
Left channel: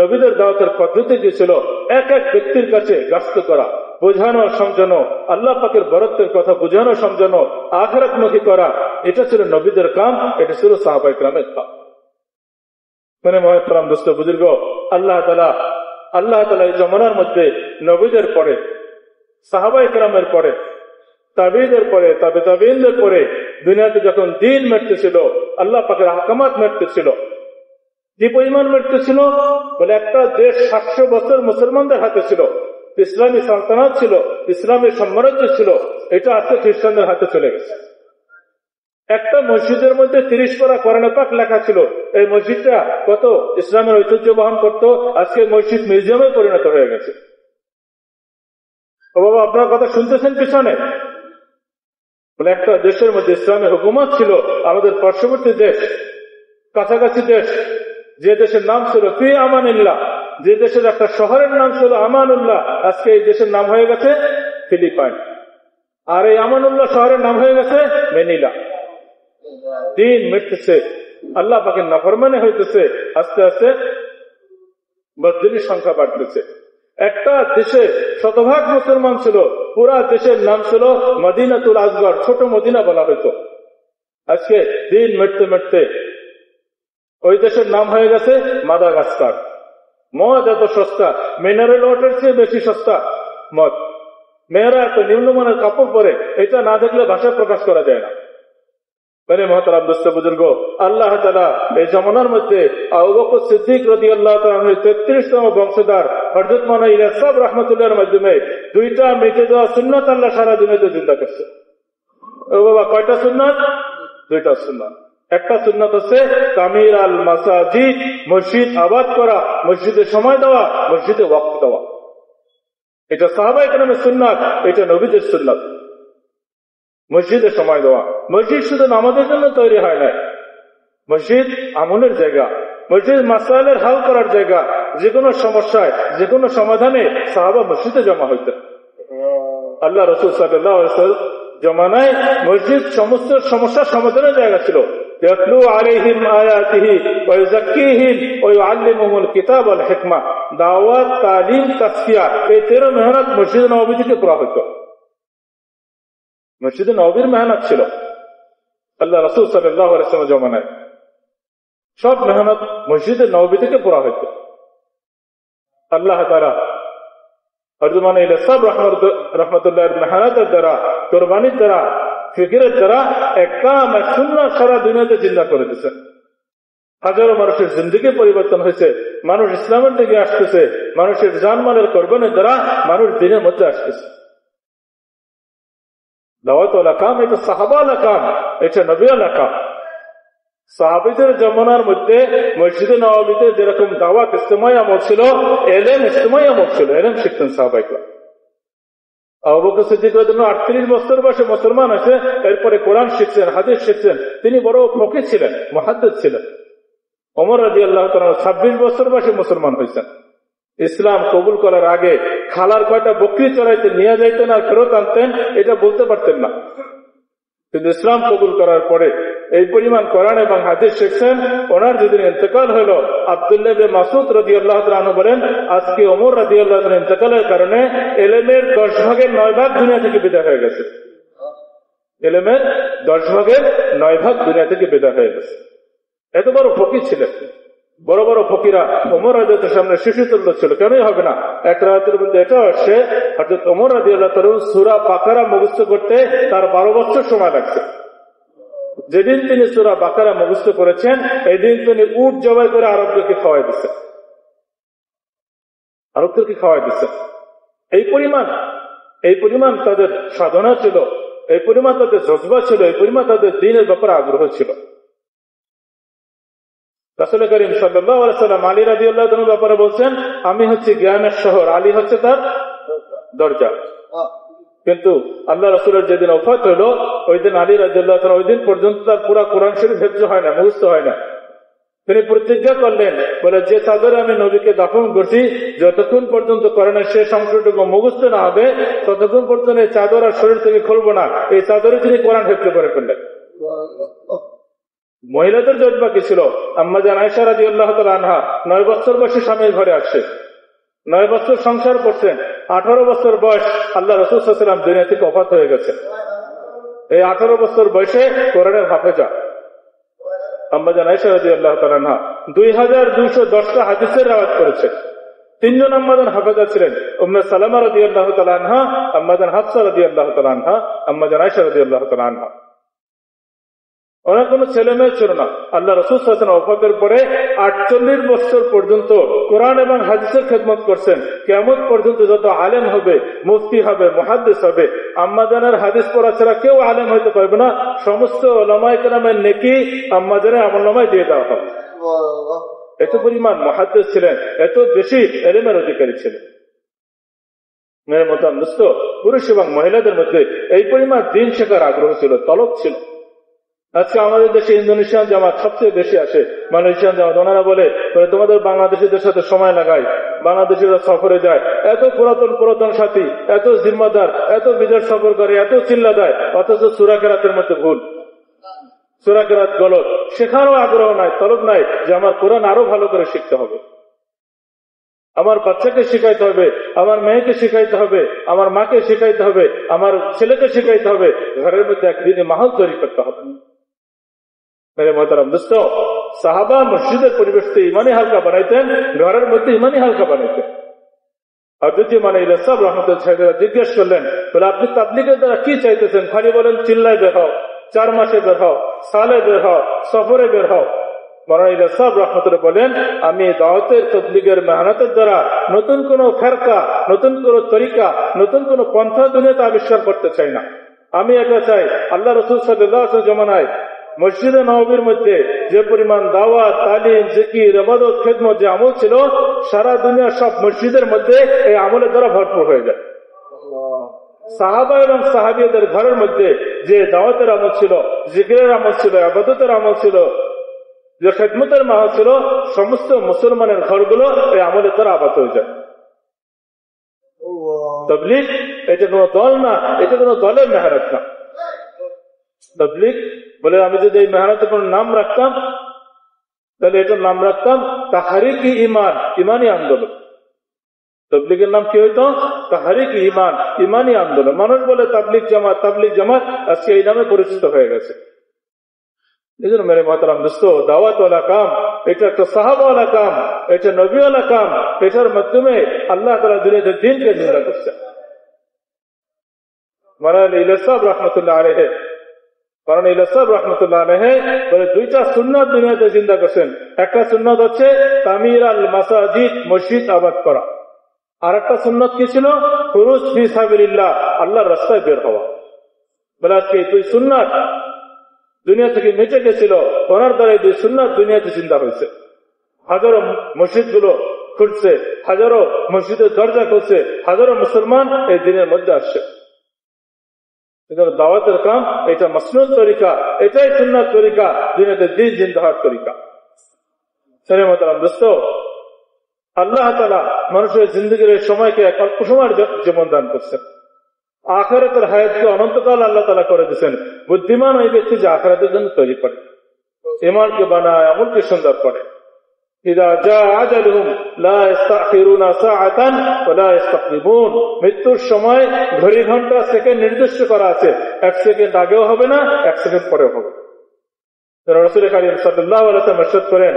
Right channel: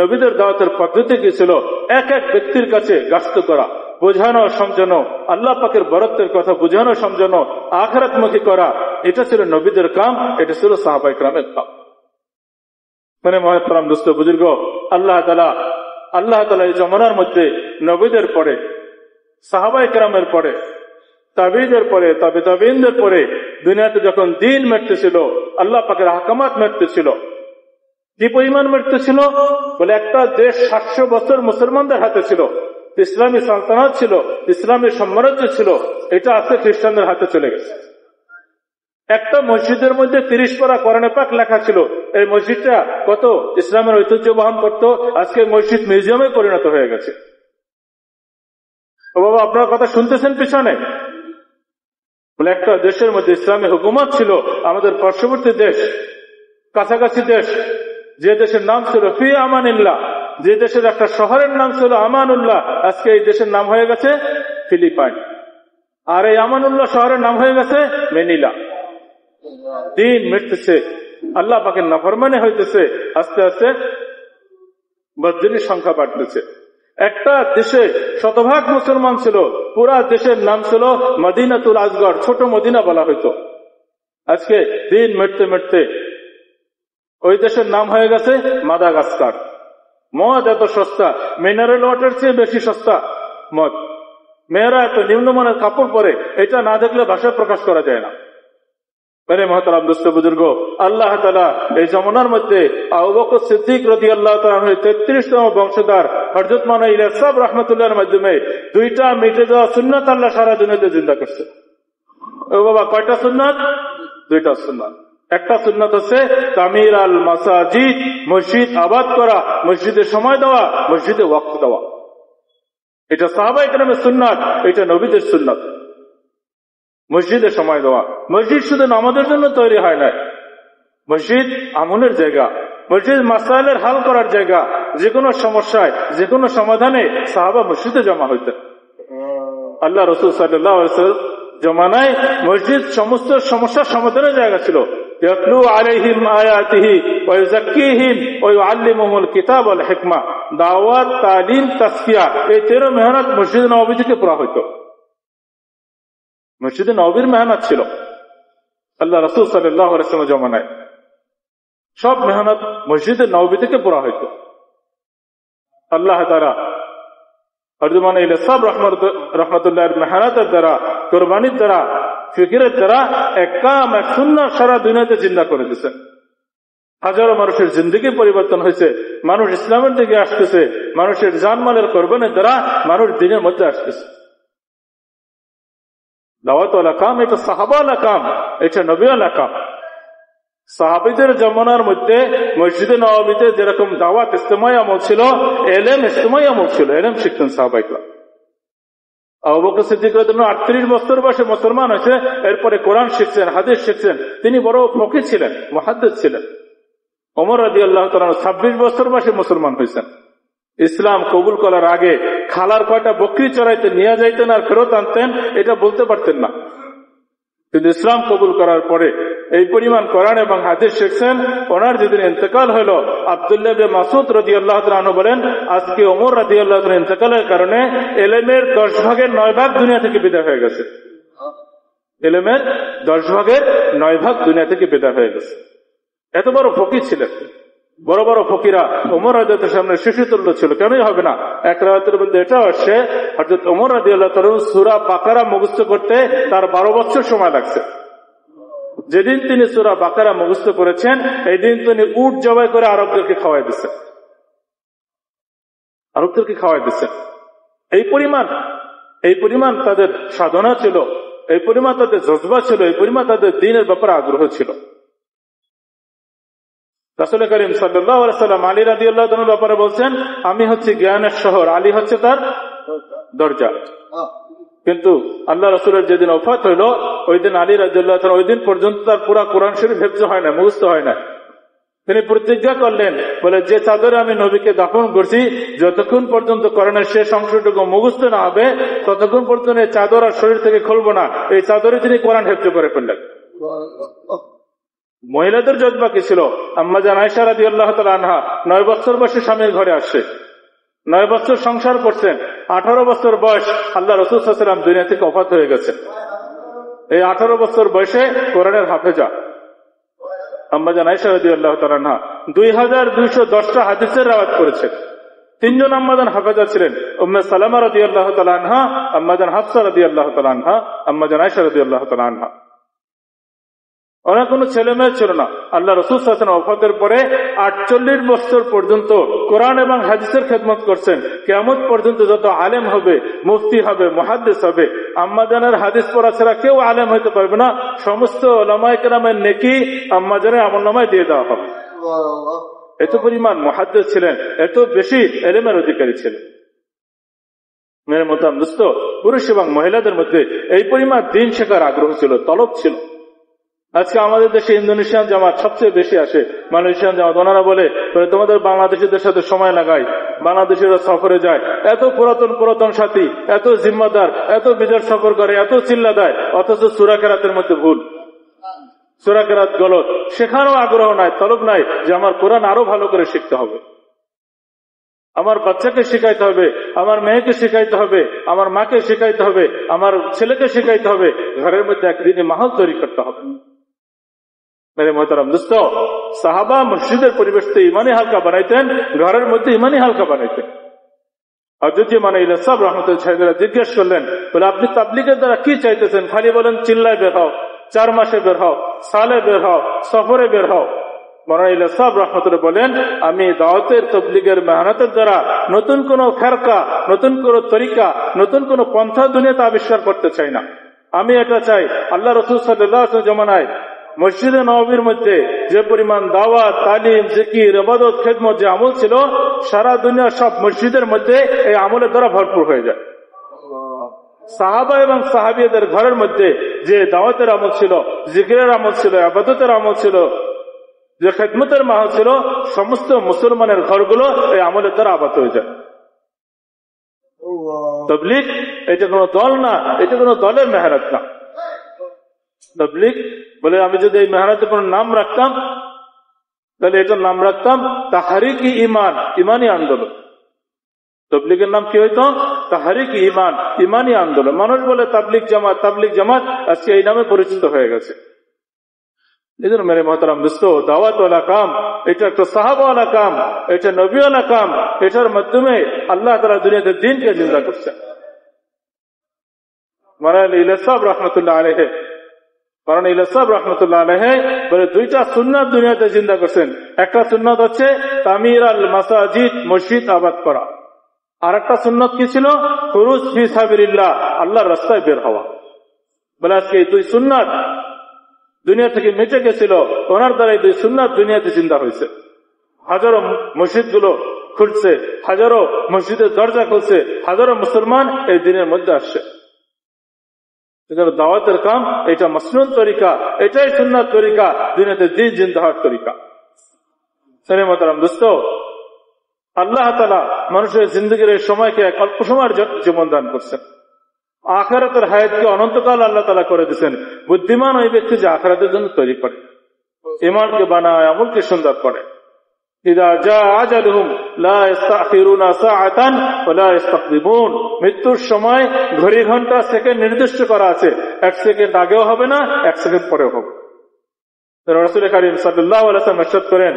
নবীদের দাওয়াতের পদ্ধতি কি ছিল, এক এক ব্যক্তির কাছে গাস্ত করা, বোঝানো সমঝানো, আল্লাহ পাকের বরত্বের কথা বোঝানো সমঝানো, আখিরাতমুখী করা, এটা ছিল নবীদের কাম, এটা ছিল সাহাবায়ে কেরামের কাম। মানে মহতরম দোস্ত বুজুর্গ, আল্লাহ তাআলা এই জমানার মধ্যে নবীদের পরে, সাহাবায়ে কেরামের পরে, তাবেঈদের পরে, তাবে তাবেঈনদের পরে দুনিয়াতে যখন দ্বীন মেটতেছিল, আল্লাহ পাকের আহকামাত মেটতেছিল, কি পরিমাণ মেটতেছিল বলে একটা দেশ 700 বছর মুসলমানদের হাতে ছিল, ইসলামী সালতানাত ছিল, ইসলামী সাম্রাজ্য ছিল, এটা আজকে খ্রিস্টানদের হাতে চলে গেছে। একটা মসজিদের মধ্যে 30 পারা কোরআনে পাক লেখা ছিল, এই মসজিদটা কত ইসলামের ঐতিহ্য বহন করত, আজকে মসজিদ মিউজিয়ামে পরিণত হয়ে গেছে। ও বাবা আপনার কথা শুনতেছেন পিছনে, বলে একটা দেশের মধ্যে ইসলামী হুকুমত ছিল, আমাদের পার্শ্ববর্তী দেশ, কাছাকাছি দেশ, যে দেশের নাম ছিল ফি আমানিল্লাহ, যে দেশের একটা শহরের নাম ছিল আমানুল্লাহ, আজকে এই দেশের নাম হয়ে গেছে ফিলিপাইন, আর এই আমানুল্লাহ শহরের নাম হয়ে গেছে ম্যানিলা। দিন মিটতেছে, আল্লাহ পাকের নাফরমানি হইতেছে, আস্তে আস্তে বদলির সংখ্যা বাড়তেছে। একটা দেশে শতভাগ মুসলমান ছিল, পুরা দেশের নাম ছিল মদিনাতুল আসগর, ছোট মদিনা বলা হইতো। আজকে দিন মিটতে মিটতে ওই দেশের নাম হয়ে গেছে মাদাগাস্কার। মদ এত সস্তা, মিনারেল ওয়াটার চেয়ে বেশি সস্তা মদ। মেয়েরা এত নিম্নমানের কাপড় পরে, এটা না দেখলে ভাষায় প্রকাশ করা যায় না। মেরে মহতারাম দোস্ত বুজুর্গ, আল্লাহ তাআলা এই জমানার মধ্যে আবু বকর সিদ্দিক রাদিয়াল্লাহু তাআলা 33তম বংশধর হযরত মাওলানা ইলিয়াস সাহেব রাহমাতুল্লাহর মাধ্যমে 2টা মিটে যাওয়া সুন্নাত আল্লাহ সারা দুনিয়াতে জিন্দা করছে। ও বাবা কয়টা সুন্নাত? 2টা সুন্নাত। একটা সুন্নাত হচ্ছে তামির আল মাসাজিদ, মসজিদ আবাদ করা, মসজিদে সময় দেওয়া, মসজিদে ওয়াক্ত দেওয়া। এটা সাহাবায়ে কেরামের সুন্নাত, এটা নবীদের সুন্নাত। মসজিদে সময় দেওয়া, মসজিদ শুধু নামাজের জন্য তৈরি হয় না, মসজিদ আমলের জায়গা, মসজিদ মাসাইলের হাল করার জায়গা। যে কোনো সমস্যায়, যে কোনো সমাধানে সাহাবা মসজিদে জমা হইতেন। আল্লাহ রাসূল সাল্লাল্লাহু আলাইহি ওয়াসাল্লাম জমানায় মসজিদ সমস্ত সমস্যার সমাধানের জায়গা ছিল। ইয়াতলু আলাইহিম আয়াতিহি ওয়া ইউযাক্কিহিম ওয়া ইউআল্লিমুহুমুল কিতাব ওয়াল হিকমা। দাওয়াত, তালিম, তাসফিয়া, এই 13 মেহনত মসজিদ নববী থেকে পুরা হইতো। মসজিদে নববীর মেহনত ছিল আল্লাহ রাসূল সাল্লাল্লাহু আলাইহি ওয়াসাল্লাম জমানায়, সব মেহনত মসজিদে নববী থেকে পুরা হইতো। আল্লাহ তাআলা হযরত মাওলানা ইলিয়াস সাহেব রাহমাতুল্লাহর মেহনতের দ্বারা, কুরবানির দ্বারা, ফিকিরের দ্বারা এক কাম, এক সুন্নাত সারা দুনিয়াতে জিন্দা করে দিয়েছেন। হাজারো মানুষের জিন্দেগি পরিবর্তন হয়েছে, মানুষ ইসলামের দিকে আসতেছে, মানুষের জানমালের কোরবানির দ্বারা মানুষ দিনের মধ্যে আসতেছে। দাওয়াতওয়ালা কাম, এটা সাহাবাওয়ালা কাম, এটা নবীওয়ালা কাম। সাহাবীদের জামানার মধ্যে মসজিদে নববীতে যেরকম দাওয়াত ইজতিমাই আমল ছিল, ইলম ইজতিমাই আমল ছিল, ইলম শিখতেন সাহাবায়ে কেরাম। আবু বকর সিদ্দিক রাদিয়াল্লাহু 38 বছর বয়সে মুসলমান হয়েছে, এরপরে কোরআন শিখছেন, হাদিস শিখছেন, তিনি বড় ফকিহ ছিলেন, মুহাদ্দিস ছিলেন। ওমর রাদিয়াল্লাহু তাআলা 26 বছর বয়সে মুসলমান হয়েছেন। ইসলাম কবুল করার আগে খালার কয়টা বকরি চড়াইতে নিয়ে যাইতেন আর ফেরত আনতেন, এটা বলতে পারতেন না। কিন্তু ইসলাম কবুল করার পরে এই পরিমাণ কোরআন এবং হাদিস শিখছেন, ওনার যেদিন ইন্তেকাল হলো, আব্দুল্লাহ বিন মাসউদ রাদিয়াল্লাহু তাআলা আনহু বলেন, আজকে ওমর রাদিয়াল্লাহু তাআলা ইন্তেকালের কারণে ইলমের 10 ভাগের 9 ভাগ দুনিয়া থেকে বিদায় হয়ে গেছে। ইলমের 10 ভাগের 9 ভাগ দুনিয়া থেকে বিদায় হয়ে গেছে। এত বড় ফকির ছিলেন। বড় বড় ফকিরা ওমর রাদিয়াল্লাহু তাআলার সামনে শিশুতুল্য ছিল, কেনই হবে না। এক রাতের মধ্যে এটাও আসছে, হযরত ওমর রাদিয়াল্লাহু তাআলা সূরা বাকারা মুখস্থ করতে তার 12 বছর সময় লাগছে। যেদিন তিনি সূরা বাকারা মুখস্থ করেছেন, এই দিন তিনি উট জবাই করে আরবদেরকে খাওয়াই দিচ্ছেন। এই পরিমাণ তাদের সাধনা ছিল, এই পরিমাণ তাদের জজবা ছিল, এই পরিমাণ তাদের দ্বীনের ব্যাপারে আগ্রহ ছিল। রাসূল করিম সাল্লাল্লাহু আলাইহি ওয়াসাল্লাম আলী রাদিয়াল্লাহু তাআলার ব্যাপারে বলছেন, আমি হচ্ছে জ্ঞানের শহর, আলী হচ্ছে তার দরজা। কিন্তু আল্লাহ রাসূলের যেদিন ওফাত হইল, ওই দিন আলী রাদিয়াল্লাহু তাআলা ওই দিন পর্যন্ত তার পুরা কোরআন শরীফ হিফজ হয় না, মুখস্থ হয় না। তিনি প্রতিজ্ঞা করলেন, বলে যে চাদরে আমি নবীকে দাফন করছি, যতক্ষণ পর্যন্ত কোরআনের শেষ অংশটুকু মুখস্থ না হবে ততক্ষণ পর্যন্ত এই চাদর আর শরীর থেকে খুলবো না। এই চাদরে তিনি কোরআন হিফজ করে ফেললেন। মহিলাদের জজবা কি ছিল? আম্মা জান আয়েশা রাদিয়াল্লাহু তাআলা আনহা 9 বছর বয়সে স্বামীর ঘরে আসে, 9 বছর সংসার করছেন। 18 বছর বয়স আল্লাহ রাসূল সাল্লাল্লাহু আলাইহি ওয়াসাল্লাম দুনিয়া থেকে ওফাত হয়ে গেছেন। এই 18 বছর বয়সে কোরআনের হাফেজা আম্মা জান আয়েশা রাদিয়াল্লাহু তাআলা আনহা 2210টা হাদিসের রিওয়ায়াত করেছেন। 3 জন আম্মা জান হাফেজা ছিলেন, উম্মে সালামা রাদিয়াল্লাহু তাআলা আনহা, আম্মা জান হাফসা রাদিয়াল্লাহু তাআলা আনহা, আম্মা জান আয়েশা রাদিয়াল্লাহু তাআলা আনহা। অনেক কোনো ছেলে মেয়ে ছিল না। আল্লাহ রাসূল সাল্লাল্লাহু আলাইহি ওয়াসাল্লাম ওফাতের পরে 48 বছর পর্যন্ত কোরআন এবং হাদিসের খেদমত করছেন। কিয়ামত পর্যন্ত যত আলেম হবে, মুফতি হবে, মুহাদ্দিস হবে, আম্মা জানের হাদিস পড়া ছাড়া কেউ আলেম হতে পারবে না। সমস্ত উলামায়ে কেরামের নেকি আম্মা জানের আমলনামায় দিয়ে দেওয়া হবে। এত পরিমাণ মুহাদ্দিস ছিলেন, এত বেশি ইলমের অধিকারী ছিলেন। মেরে মোহতারাম দোস্ত, পুরুষ এবং মহিলাদের মধ্যে এই পরিমাণ দ্বীন শেখার আগ্রহ ছিল, তলব ছিল। আজকে আমাদের দেশে ইন্দোনেশিয়ান জামাত সবচেয়ে বেশি আসে। মালয়েশিয়ান জামাত ওনারা বলে তোমাদের বাংলাদেশিদের সাথে সময় লাগাই, বাংলাদেশিরা সফরে যায়, এত পুরাতন সাথী, এত জিম্মাদার, এত বিজয় সফর করে, এত চিল্লা দেয়, অথচ সূরা কেরাতের মধ্যে ভুল, সূরা কেরাত গলত। শেখারও আগ্রহ নাই, তলব নাই যে আমার কোরআন আরো ভালো করে শিখতে হবে, আমার বাচ্চাকে শিখাইতে হবে, আমার মেয়েকে শিখাইতে হবে, আমার মাকে শিখাইতে হবে, আমার ছেলেকে শিখাইতে হবে। ঘরের মধ্যে একদিনে মাহল তৈরি করতে হবে। মেরে মোহতারাম দোস্ত, সাহাবা মসজিদের পরিবেশতে ইমানি হালকা বানাইতেন, ঘরের মধ্যে ইমানি হালকা বানাইতেন। হযরত ইমাম ইলা সাহেব রাহমাতুল্লাহ আলাইহি জিজ্ঞেস করলেন, বলে আপনি তাবলীগের দ্বারা কি চাইতেছেন? খালি বলেন চিল্লায় বের হও, 4 মাসে বের হও, সালে বের হও, সফরে বের হও। মাওলানা ইলা সাহেব রাহমাতুল্লাহ বলেন, আমি দাওয়াতের তাবলীগের মেহনতের দ্বারা নতুন কোন ফেরকা, নতুন কোন তরিকা, নতুন কোন পন্থা দুনিয়াতে আবিষ্কার করতে চাই না। আমি এটা চাই আল্লাহ রাসূল সাল্লাল্লাহু আলাইহি ওয়াসাল্লাম জমানায় মসজিদে নববীর মধ্যে যে পরিমাণ দাওয়াত, তালিম, জিকির, ইবাদত, খেদমত যে আমল ছিল, সারা দুনিয়ার সব মসজিদের মধ্যে এই আমলের দ্বারা ভরপুর হয়ে যায়। সাহাবা এবং সাহাবিয়াদের ঘরের মধ্যে যে দাওয়াতের আমল ছিল, জিকিরের আমল ছিল, ইবাদতের আমল ছিল, যে খেদমতের আমল ছিল, সমস্ত মুসলমানের ঘরগুলো এই আমলের দ্বারা আবাদ হয়ে যায়। তাবলীগ এটা কোনো দল না, এটা কোনো দলের মেহনত না। তাবলীগ বলে আমি যদি এই মেহনতের কোনো নাম রাখতাম, তাহলে এটার নাম রাখতাম তাহরিক ঈমান, ইমানি আন্দোলন। তাবলীগের নাম কি হইতো? তাহরিক ঈমান, ইমানি আন্দোলন। মানুষ বলে তাবলীগ জামাত, তাবলীগ জামাত, আজকে এই নামে পরিচিত হয়ে গেছে। এজন্য মেরে মোহতারাম দোস্ত, দাওয়াত ওয়ালা কাম এটা একটা সাহাবা ওয়ালা কাম, এটা নবী ওয়ালা কাম। এটার মাধ্যমে আল্লাহ তাআলা দুনিয়াতে দ্বীনকে জিন্দা করছেন। মাওলানা ইলিয়াস সাহেব রাহমাতুল্লাহ আলাইহি, কারণ ইলিয়াস সাহেব রাহমাতুল্লাহ আলাইহি বলে 2টা সুন্নাত দুনিয়াতে জিন্দা করছেন। একটা সুন্নাত হচ্ছে তামির আল মাসাজিদ, মসজিদ আবাদ করা। আর একটা সুন্নাত কি ছিল? খুরুজ ফি সাবিলিল্লাহ, আল্লাহর রাস্তায় বের হওয়া। বলে আজকে এই 2 সুন্নাত দুনিয়া থেকে মিটে গেছিল, ওনার দ্বারা এই 2 সুন্নাত দুনিয়াতে জিন্দা হয়েছে। হাজারো মসজিদ গুলো খুলছে, হাজারো মসজিদের দরজা খুলছে, হাজারো মুসলমান এই দিনের মধ্যে আসছে। দাওয়াতের কাম এটা মাসনুন তরিকা, এটাই সুন্নাত তরিকা, দুনিয়াতে দ্বীন জিন্দা হওয়ার তরিকা। সরে মোহতারাম দোস্ত, আল্লাহ তাআলা মানুষের জিন্দগির এই সময়কে অল্প সময়ের জীবন দান করছেন। আখিরাতের হায়াতকে অনন্তকাল আল্লাহ তাআলা করে দিয়েছেন। বুদ্ধিমান ওই ব্যক্তি যে আখিরাতের জন্য তৈরি করে, ঈমানকে বানায়, আমলকে সুন্দর করে। ইযা জা আজালুহুম লা ইস্তাখিরুনা সাআতান ওয়া লা ইস্তাকদিমুন। মৃত্যুর সময় ঘড়ি ঘন্টা সেকেন্ড নির্দিষ্ট করা আছে, 1 সেকেন্ড আগেও হবে না, 1 সেকেন্ড পরেও হবে। রাসূল কারীম সাল্লাল্লাহু আলাইহি ওয়াসাল্লাম ইরশাদ করেন,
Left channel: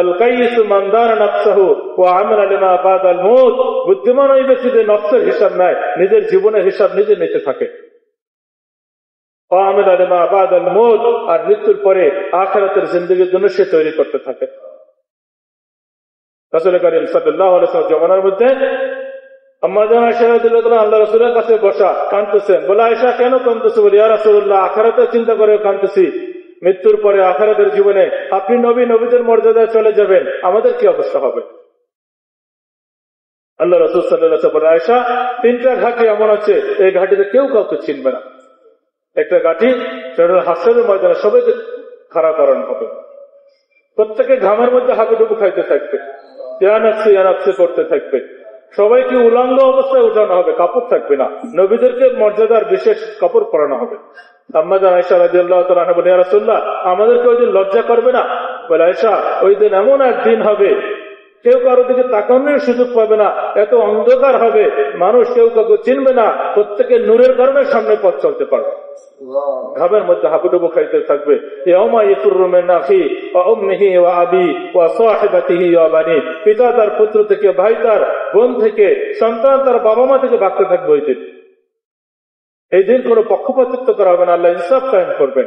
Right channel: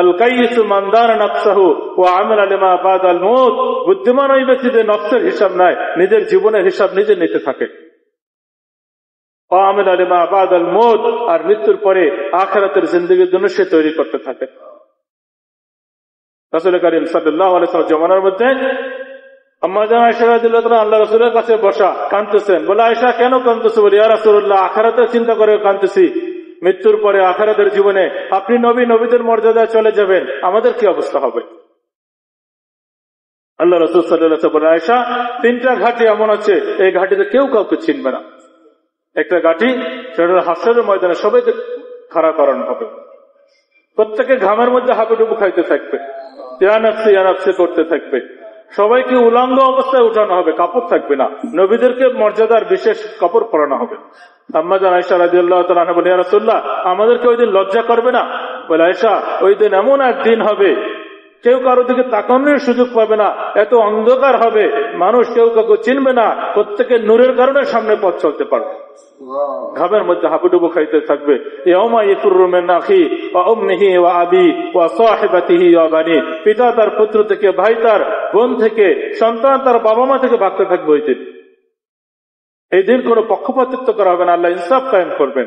আল কাইয়িসু মান দানা নাফসাহু ওয়া আমালা লিমা বাদাল মউত। বুদ্ধিমান ওই ব্যক্তি যে নফসের হিসাব নেয়, নিজের জীবনের হিসাব নিজে নিতে থাকে। ওয়া আমালা লিমা বাদাল মউত, আর মৃত্যুর পরে আখিরাতের জিন্দেগির জন্য সে তৈরি করতে থাকে। রাসূল কারীম সাল্লাল্লাহু আলাইহি ওয়াসাল্লাম জমানার মধ্যে আম্মা জান আয়েশা রাদিয়াল্লাহু তাআলা আল্লাহর রাসূলের কাছে বসা, কাঁদতেছেন। বলে, আয়েশা কেন কাঁদতেছো? বলে, ইয়া রাসূলুল্লাহ, আখিরাতের চিন্তা করে কাঁদতেছি। মৃত্যুর পরে আখিরাতের জীবনে আপনি নবীদের মর্যাদায় চলে যাবেন, আমাদের কি অবস্থা হবে? আল্লাহ রাসূল সাল্লাল্লাহু আলাইহি ওয়াসাল্লাম বলেন, আয়েশা, 3টা ঘাটি এমন আছে, এই ঘাটিতে কেউ কাউকে চিনবে না। একটা ঘাটি, সেটা হলো হাসরের ময়দানে সবাইকে খাড়া করানো হবে, প্রত্যেকে ঘামের মধ্যে হাঁটুডুবু খাইতে থাকবে, ইয়া নাফসি করতে থাকবে, সবাইকে উলঙ্গ অবস্থায় উঠানো হবে, কাপড় থাকবে না, নবীদেরকে মর্যাদার বিশেষ কাপড় পরানো হবে। আম্মা জান আয়েশা রাদিয়াল্লাহু তাআলা আনহা বলেন, ইয়া রাসূলুল্লাহ, আমাদেরকে ওই দিন লজ্জা করবে না? বলে, আয়েশা, ওই দিন এমন একদিন হবে কেউ কারো দিকে তাকানোর সুযোগ পাবে না, এত অন্ধকার হবে, মানুষ কেউ কাউকে চিনবে না, প্রত্যেকে নূরের কারণে সামনে পথ চলতে পারবে, ঘামের মধ্যে হাঁপুডুবু খাইতে থাকবে। ইয়াউমা ইয়াফিরু মিন আখি ওয়া উম্মিহি ওয়া আবি ওয়া সাহিবাতিহি ওয়া বানি। পিতা তার পুত্র থেকে, ভাই তার বোন থেকে, সন্তান তার বাবা মা থেকে ভাগতে থাকবে ওই দিন। এই দিন কোনো পক্ষপাতিত্ব করা হবে না, আল্লাহ ইনসাফ কায়েম করবেন।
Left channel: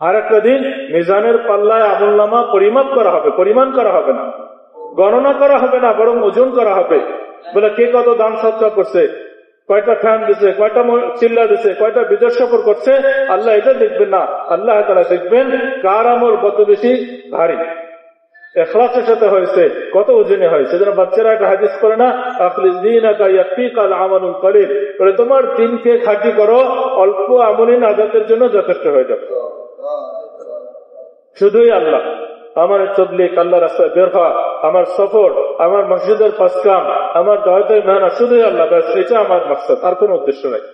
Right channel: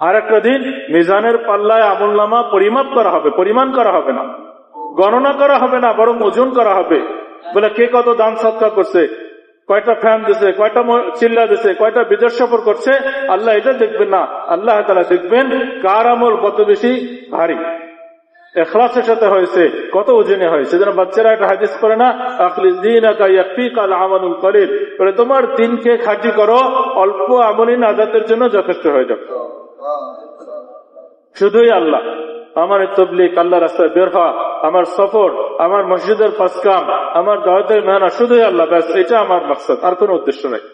আর একটা দিন মিজানের পাল্লায় আমলনামা পরিমাপ করা হবে, পরিমাণ করা হবে না, গণনা করা হবে না, বরং ওজন করা হবে। বলে, কে কত দান সৎকার করছে, কয়টা ফ্যান দিছে, কয়টা চিল্লা দিছে, কয়টা বিদেশ সফর করছে, আল্লাহ এটা দেখবেন না। আল্লাহ তাআলা দেখবেন কার আমল কত বেশি ভারী, ইখলাসের সাথে হয়েছে, কত ওজনে হয়েছে। যেন বাচ্চারা একটা হাদিস করে না, আখলিস দীনাকা ইয়াকফিকাল আমালুল কলিল। বলে, তোমার দিনকে খাঁটি করো, অল্প আমলই নাজাতের জন্য যথেষ্ট হয়ে যাবে। শুধুই আল্লাহ, আমার তাবলীগ, আল্লাহ রাস্তায় বের হওয়া, আমার সফর, আমার মসজিদের পাঁচ কাম, আমার দাওয়াতের মেহনত, শুধুই আল্লাহ, ব্যাস, এটা আমার মাকসাদ, আর কোনো উদ্দেশ্য নাই।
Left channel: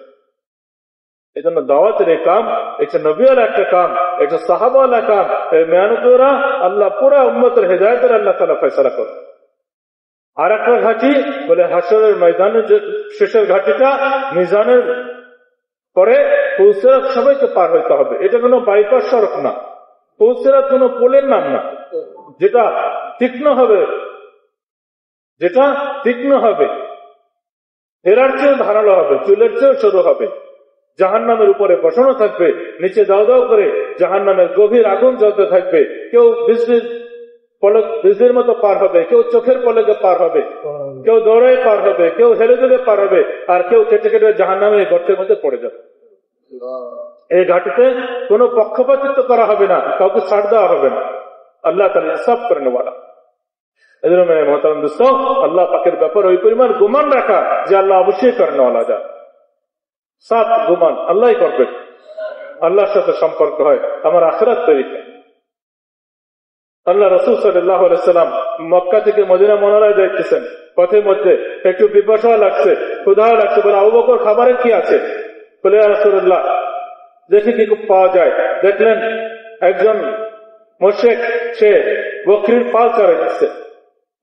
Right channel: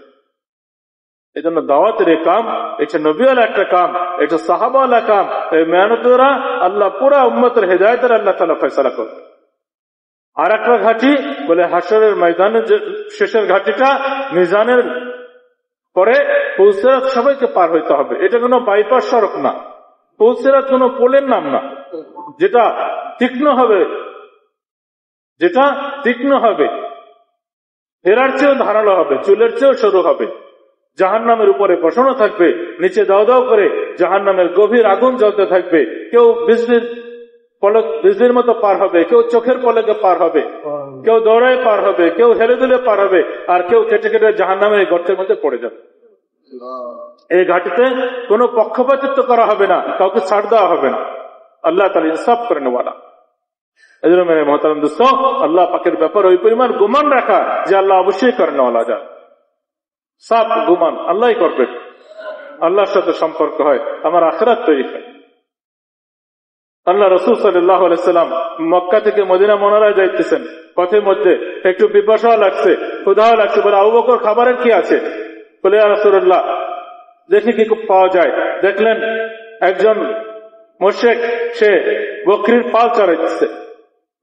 এই জন্য দাওয়াতের এই কাম, এটা নবীওয়ালা একটা কাম, এটা সাহাবাওয়ালা কাম। এই মেহনত দ্বারা আল্লাহ পুরা উম্মতের হেদায়েতের আল্লাহ তাআলা ফয়সালা করবে। আর একটা ঘাটি বলে হাসরের ময়দানের শেষের ঘাটিটা, মিজানের পরে পুলসিরাত সবাইকে পার হইতে হবে। এটা কোনো বাইপাস সড়ক না, পুলসিরাত কোনো পোলের নাম না, যেটা তীক্ষ্ণ হবে, যেটা তীক্ষ্ণ হবে, হেরার চেয়েও ধারালো হবে, চুলের চেয়েও সরু হবে, জাহান্নামের উপরে বসানো থাকবে, নিচে দাও দাও করে জাহান্নামের গভীর আগুন জ্বলতে থাকবে। কেউ বিজলির মতো পার হবে, কেউ চোখের পলকে পার হবে, কেউ দৌড়ায় পার হবে, কেউ হেলে দুলে পার হবে, আর কেউ কেটে কেটে জাহান্নামের গর্তের মধ্যে পড়ে যাবে। এই ঘাটিতে কোনো পক্ষপাতিত্ব করা হবে না, কাউকে ছাড় দেওয়া হবে না, আল্লাহ তাআলা ইনসাফ করে নেওয়ালা। এজন্য মেরে মোহতারাম দোস্ত, আল্লাহ পাকের ব্যাপার ওই পরিমাণ গুমান রাখা যে আল্লাহ অবশ্যই করে নেওয়ালা যায়। সাত গুমান আল্লাহই করবেন, আল্লাহর সাথে সম্পর্ক হয়, আমার আখিরাত তৈরি হয়। আল্লাহ রাসূল সাল্লাল্লাহু আলাইহি সাল্লাম মক্কা থেকে মদিনা মুনাওয়ারায় যাইতেছেন, পথের মধ্যে একটু পিপাসাও লাগছে, ক্ষুধাও লাগছে। বলে, আবু বকর, খাবারের কি আছে? বলে, ইয়া রাসূলুল্লাহ, দেখি কি পাওয়া যায়। দেখলেন একজন মুশরিক, সে বকরির পাল চড়াইতেছে,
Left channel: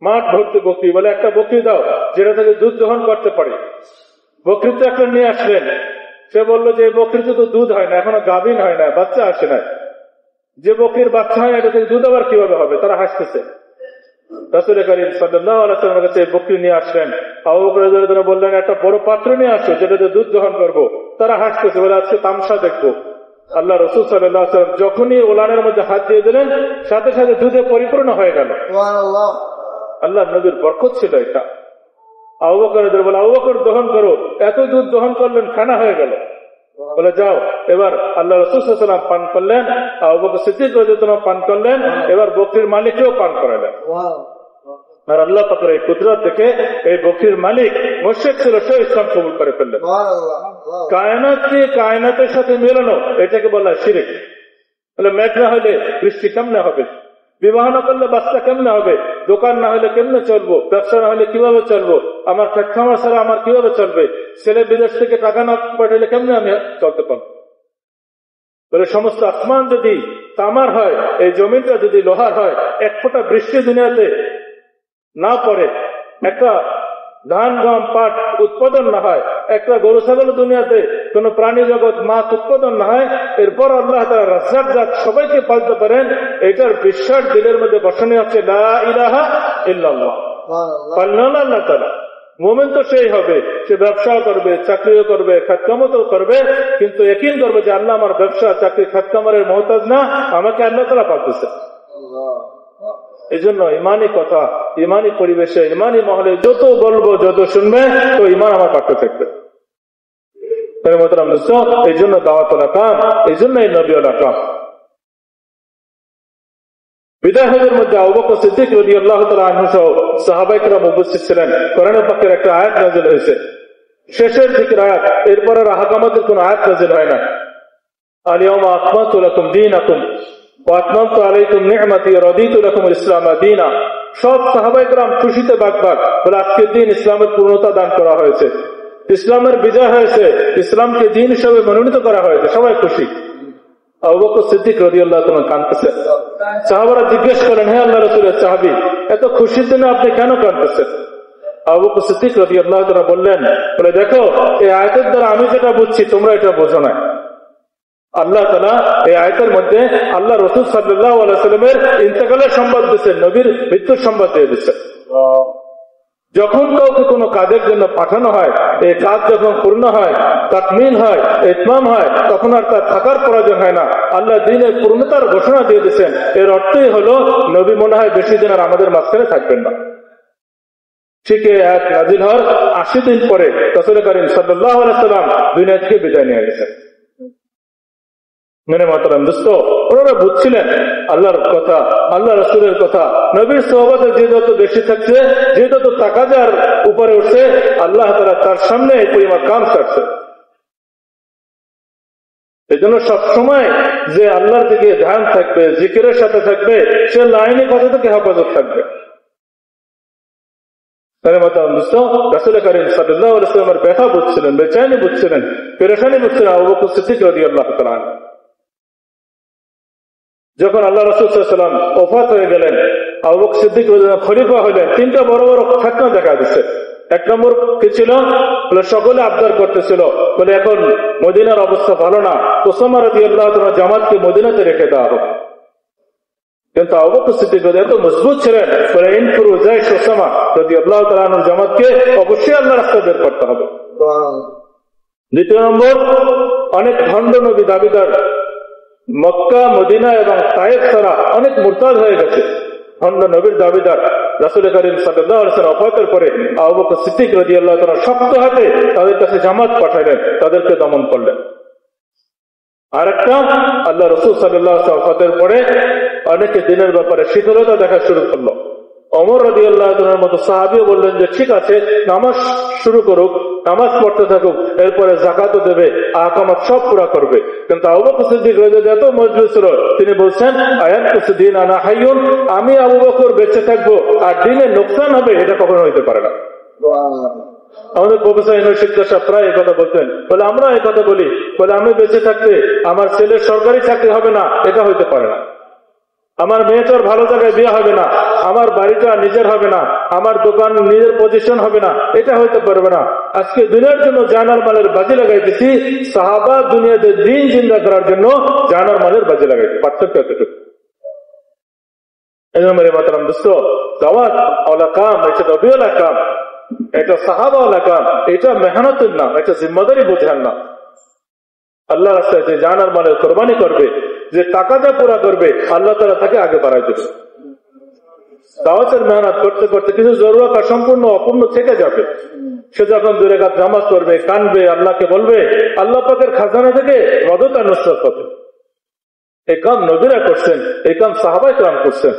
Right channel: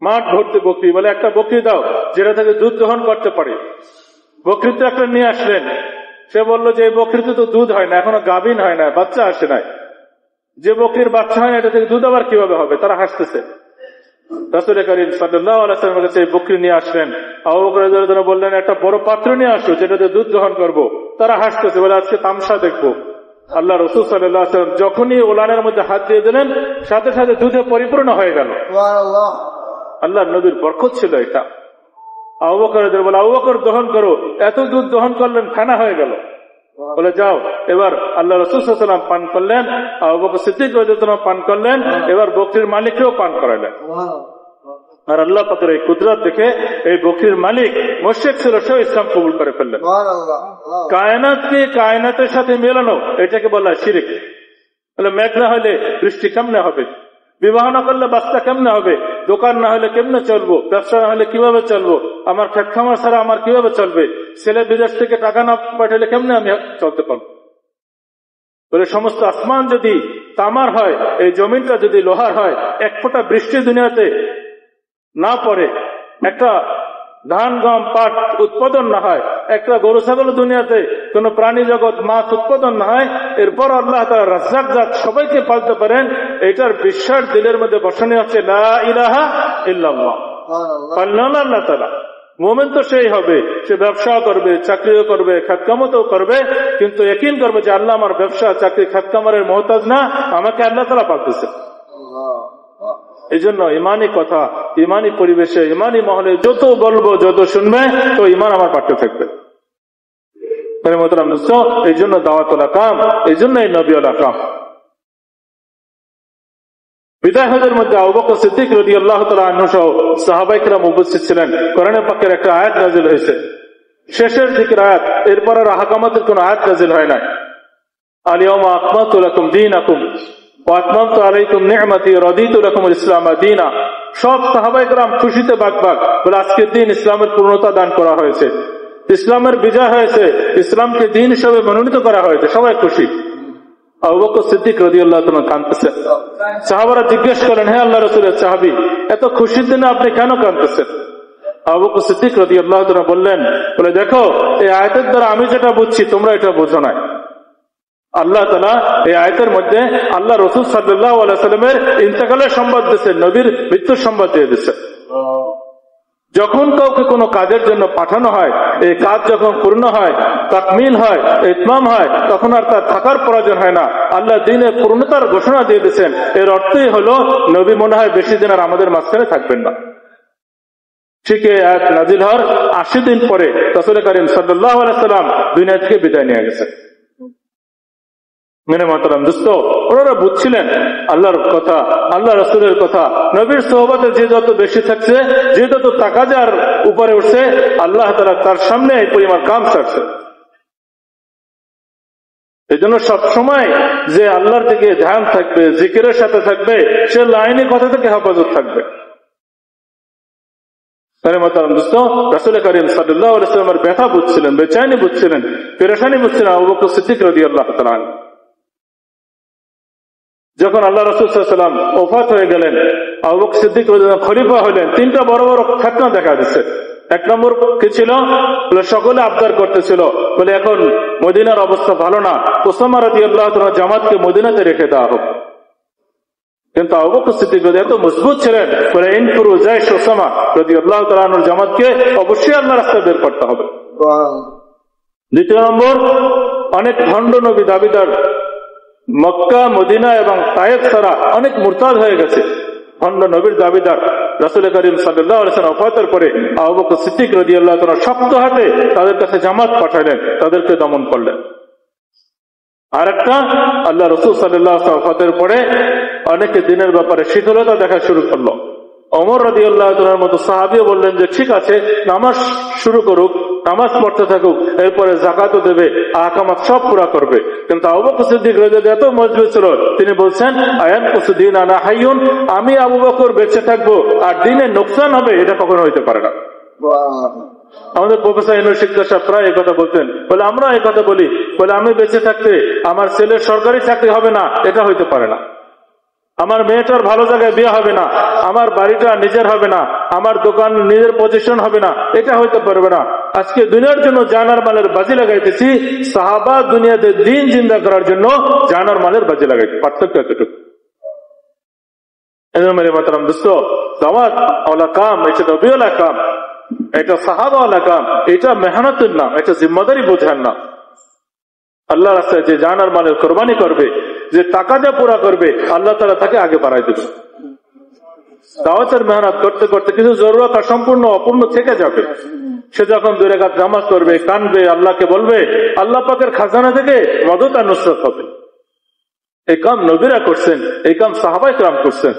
মাঠ ভর্তি বকরি। বলে, একটা বকরি দাও যেটা থেকে দুধ দহন করতে পারে। বকরি তো একটা নিয়ে আসলেন। সে বললো যে এই বকরিতে তো দুধ হয় না, এখনো গাভীন হয় না, বাচ্চা আসে না। যে বকরির বাচ্চা হয় এটা থেকে দুধ আবার কিভাবে হবে? তারা হাসতেছে। রাসূল কারীম সাল্লাল্লাহু আলাইহি ওয়াসাল্লামের কাছে বকরি নিয়ে আসলেন। আবু বকর রাদিয়াল্লাহু আনহু বললেন, একটা বড় পাত্র নিয়ে আসো যেটাতে দুধ দহন করবো। তারা হাসতেছে, বলে, আজকে তামসা দেখবো। আল্লাহ রাসূল সাল্লাল্লাহু আলাইহি ওয়াসাল্লাম যখনই উলানের মধ্যে হাত দিয়ে দিলেন, সাথে সাথে দুধে পরিপূর্ণ হয়ে গেল। আল্লাহ নবীর বরকত ছিল এটা। আবু বকর রাদিয়াল্লাহু আনহু বলে, আবু বকর, দহন করো। এত দুধ দহন করলেন, ফেনা হয়ে গেল। বলে, যাও। এবার আল্লাহ রাসূল সাল্লাল্লাহু আলাইহি ওয়াসাল্লাম পান করলেন, আবু বকর সিদ্দিক রাদিয়াল্লাহু আনহু পান করলেন, এবার বকরির মালিককেও পান করালেন। আর আল্লাহ পাকের এই কুদরত দেখে এই বকরির মালিক মুশরিক ছিল, সে ইসলাম কবুল করে ফেললেন। কায়নাতকে কায়নাতের সাথে মেলানো, এটাকে বলা শিরক। বলে, মেঘ না হলে বৃষ্টি কেমনে হবে? বিবাহ না করলে বাচ্চা কেমনে হবে? দোকান না হলে কেমনে চলবো? ব্যবসা না হলে কিভাবে চলবো? আমার খেত খামার ছাড়া আমার কিভাবে চলবে? ছেলে বিদেশ থেকে টাকা না পাঠালে কেমনে আমি চলতে পারবো? বলে সমস্ত আসমান যদি তামার হয়, এই জমিনটা যদি লোহার হয়, এক ফোঁটা বৃষ্টি দুনিয়াতে না পড়ে, একটা ধান গম পাট উৎপাদন না হয়, একটা গরু ছাগল দুনিয়াতে কোন প্রাণী জগৎ মাছ উৎপাদন না হয়, এরপর আল্লাহ তাআলা রাজ্জাক জাত সবাইকে পালতে পারেন, এটার বিশ্বাস দিলের মধ্যে বসানো হচ্ছে লা ইলাহা ইল্লাল্লাহ। পাললেন আল্লাহ তাআলা। মুমিন তো সেই হবে, সে ব্যবসাও করবে, চাকরিও করবে, খাতকামতও করবে, কিন্তু ইয়াকিন করবে যে আল্লাহ আমার ব্যবসা চাকরি খাতকামের মহতাজ না, আমাকে আল্লাহ তাআলা পালতেছে। এই জন্য ইমানি কথা, ইমানি পরিবেশে, ইমানি মহলে যত বলবো, যত শুনবে, তো ইমান আমার পাঠ্য থাকবে। এই জন্য দাওয়াতুল কাম, এই জন্য এই নবীউল কাম। বিদায় হজের মধ্যে আবু বকর সিদ্দিক রাদিয়াল্লাহু তাআলা আনহু সহ সাহাবায়ে কেরাম উপস্থিত ছিলেন। কোরআনের পাকের একটা আয়াত নাযিল হয়েছে, শেষের দিকের আয়াত, এরপরে আহকামাতের কোন আয়াত নাযিল হয় না। আল ইয়াউমা আকমালতু লাকুম দীনাকুম ওয়া আতমামতু আলাইকুম নি'মাতি ওয়া রাদিতু লাকুমুল ইসলামা দীনা। সব সাহাবায়ে কেরাম খুশিতে বাগবাগ, বলে আজকের দিন ইসলামের পূর্ণতা দান করা হয়েছে, ইসলামের বিজয় হয়েছে, ইসলামকে দিন হিসেবে মনোনীত করা হয়েছে, সবাই খুশি। আবু বকর সিদ্দিক রাদিয়াল্লাহু তাআলা কাঁদতেছেন। সাহাবারা জিজ্ঞেস করেন, হে আল্লাহর রাসূলের সাহাবী, এত খুশির দিনে আপনি কেন কাঁদতেছেন? আবু বকর সিদ্দিক রাদিয়াল্লাহু তাআলা বললেন, বলে দেখো, এই আয়াতের দ্বারা আমি যেটা বুঝছি তোমরা এটা বোঝো না। আল্লাহ তাআলা এই আয়াতের মধ্যে আল্লাহ রাসূল সাল্লাল্লাহু আলাইহি ওয়াসাল্লামের ইন্তেকালের সংবাদ দিয়েছেন, নবীর মৃত্যুর সংবাদ দিয়ে দিয়েছেন। যখন কাউকে কোনো কাজের জন্য পাঠানো হয়, এই কাজ যখন পূর্ণ হয়, তাকমিল হয়, ইতমাম হয়, তখন আর তার থাকার প্রয়োজন হয় না। আল্লাহ দ্বীনের পূর্ণতার ঘোষণা দিয়ে দিয়েছেন। এর অর্থই হলো নবী মনে হয় বেশি দিন আর আমাদের মাঝখানে থাকবেন না। ঠিক এই আয়াত নাযিল হওয়ার 80 দিন পরে রাসূল করিম সাল্লাল্লাহু আলাইহি ওয়াসাল্লাম দুনিয়া থেকে বিদায় নিয়ে গেছেন। মেনে মাতরম দোস্ত, ওনারা বুঝছিলেন আল্লাহর কথা, আল্লাহ রাসূলের কথা। নবীর সোহবতে যে যত বেশি থাকছে, যে যত তাকাজার উপরে উঠছে, আল্লাহ তাআলা তার সামনে এই পরিমাণ কাম ছাড়ছে। এই জন্য সবসময় যে আল্লাহর দিকে ধ্যান থাকবে, জিকিরের সাথে থাকবে, সে লাইনি কথা থেকে হেফাজত থাকবে। রাসূল করিম সাল্লাল্লাহু আলাইহি ওয়াসাল্লামের ব্যথা বুঝছিলেন, বেচैनी বুঝছিলেন, পেরেশানি বুঝছিলেন আবু বকর সিদ্দিক রাদিয়াল্লাহু তাআলা আনহু। যখন আল্লাহ রাসূল সাল্লাল্লাহু আলাইহি ওয়াসাল্লাম ওফাত হয়ে গেলেন, আবু বকর সিদ্দিক রাদিয়াল্লাহু খলিফা হলেন, তিনটা বড় বড় ফিতনা দেখা দিচ্ছে। এক নম্বর কি ছিল? বলে সকলে আবদার করতেছিল, বলে এখন মদিনার অবস্থা ভালো না, উসামা রাদিয়াল্লাহু তাআলা জামাতকে মদিনাতে রেখে দেওয়া হোক। কিন্তু আবু বকর সিদ্দিক এত মজবুত ছিলেন, বলে ইনফুরু জাইশ উসামা রাদিয়াল্লাহু তাআলা আনহুর জামাতকে অবশ্যই আল্লাহর রাস্তায় বের করতে হবে। দ্বিতীয় নম্বর, অনেক ভণ্ড নবী দাবিদার মক্কা, মদিনা এবং তায়েফ ছাড়া অনেক মুরতাদ হয়ে গেছে, ভণ্ড নবীর দাবিদার। রাসূল করিম সাল্লাল্লাহু আলাইহি ওয়াসাল্লাম ওফাতের পরে আবু বকর সিদ্দিক রাদিয়াল্লাহু তাআলা শক্ত হাতে তাদের কাছে জামাত পাঠালেন, তাদেরকে দমন করলেন। আরেকটা, আল্লাহ রাসূল সাল্লাল্লাহু আলাইহি ওয়াসাল্লাম ওফাতের পরে অনেকে দিনের ব্যাপারে শিথিলতা দেখা শুরু করলো। ওমর রাদিয়াল্লাহু তাআলার মতো সাহাবীও বললেন যে ঠিক আছে, নামাজ শুরু করুক, নামাজ পড়তে থাকুক, এরপরে যাকাতও দেবে, আহকামাত সব পুরা করবে। কিন্তু আবু বকর সিদ্দিক রাদিয়াল্লাহু এত মজবুত ছিল, তিনি বলছেন আয়ানকুসু দীন আনা হাইয়ুন, আমি আবু বকর বেঁচে থাকবো আর দিনে নোকসান হবে, এটা কখনো হইতে পারে না। আমাদের প্রফেসর ইউনিভার্সিটি সাহেব প্রায় এই কথা বলতেন, বলে আমরা এই কথা বলি, বলে আমি বেঁচে থাকতে আমার ছেলের সরকারি চাকরি হবে না, এটা হইতে পারে না। আমার মেয়েটার ভালো জায়গায় বিয়ে হবে না, আমার বাড়িটা নিজের হবে না, আমার দোকান নিজের পজিশন হবে না, এটা হইতে পারবে না। আজকে দুনিয়ার জন্য জানার মালের বাজি লাগাইতেছি, সাহাবা দুনিয়াতে দিন জিন্দা করার জন্য জানার মালের বাজি লাগাইছে। পার্থক্য এতটুকু। মেরে মাতরম দোস্ত, দাওয়াত ওয়ালা কাম, এটা নবীওয়ালা কাম, এটা সাহাবাওয়ালা কাম, এটা মেহনতের নাম, এটা জিম্মাদারি বোঝার নাম। আল্লাহ রাস্তায় যে জানার মালের কোরবানি করবে, যে টাকাটা পুরা করবে, আল্লাহ তাআলা তাকে আগে বাড়াই দেবে। দাওয়াতের মেহনত করতে করতে কিছু জরুরত সম্পূর্ণ অপূর্ণ থেকে যাবে। সে যখন 2 রাকাত নামাজ পড়বে, কানবে, আল্লাহকে বলবে, আল্লাহ পাকের খাজানা থেকে মদদ আর নুসরত হবে। এই কাম নবীরা করছেন, এই কাম সাহাবায়ে কেরাম করছেন।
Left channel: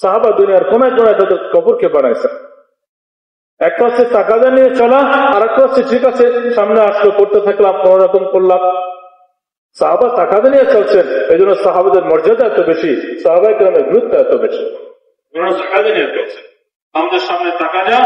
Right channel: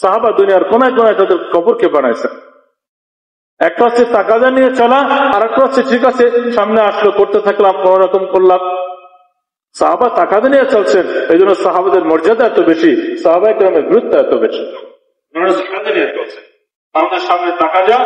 সাহাবা দুনিয়ার কোনায় কোনায় তাদের কবরকে বানাইছেন। একটা হচ্ছে তাকাদা নিয়ে চলা, আর একটা হচ্ছে ঠিক আছে সামনে আসলো, করতে থাকলাম, কোন রকম করলাম। সাহাবা তাকাদা নিয়ে চলছেন, এই জন্য সাহাবাদের মর্যাদা এত বেশি, সাহাবায়ে কেরামের গুরুত্ব এত বেশি। তাকাদা নিয়ে চলছেন, আমাদের সামনে তাকাদা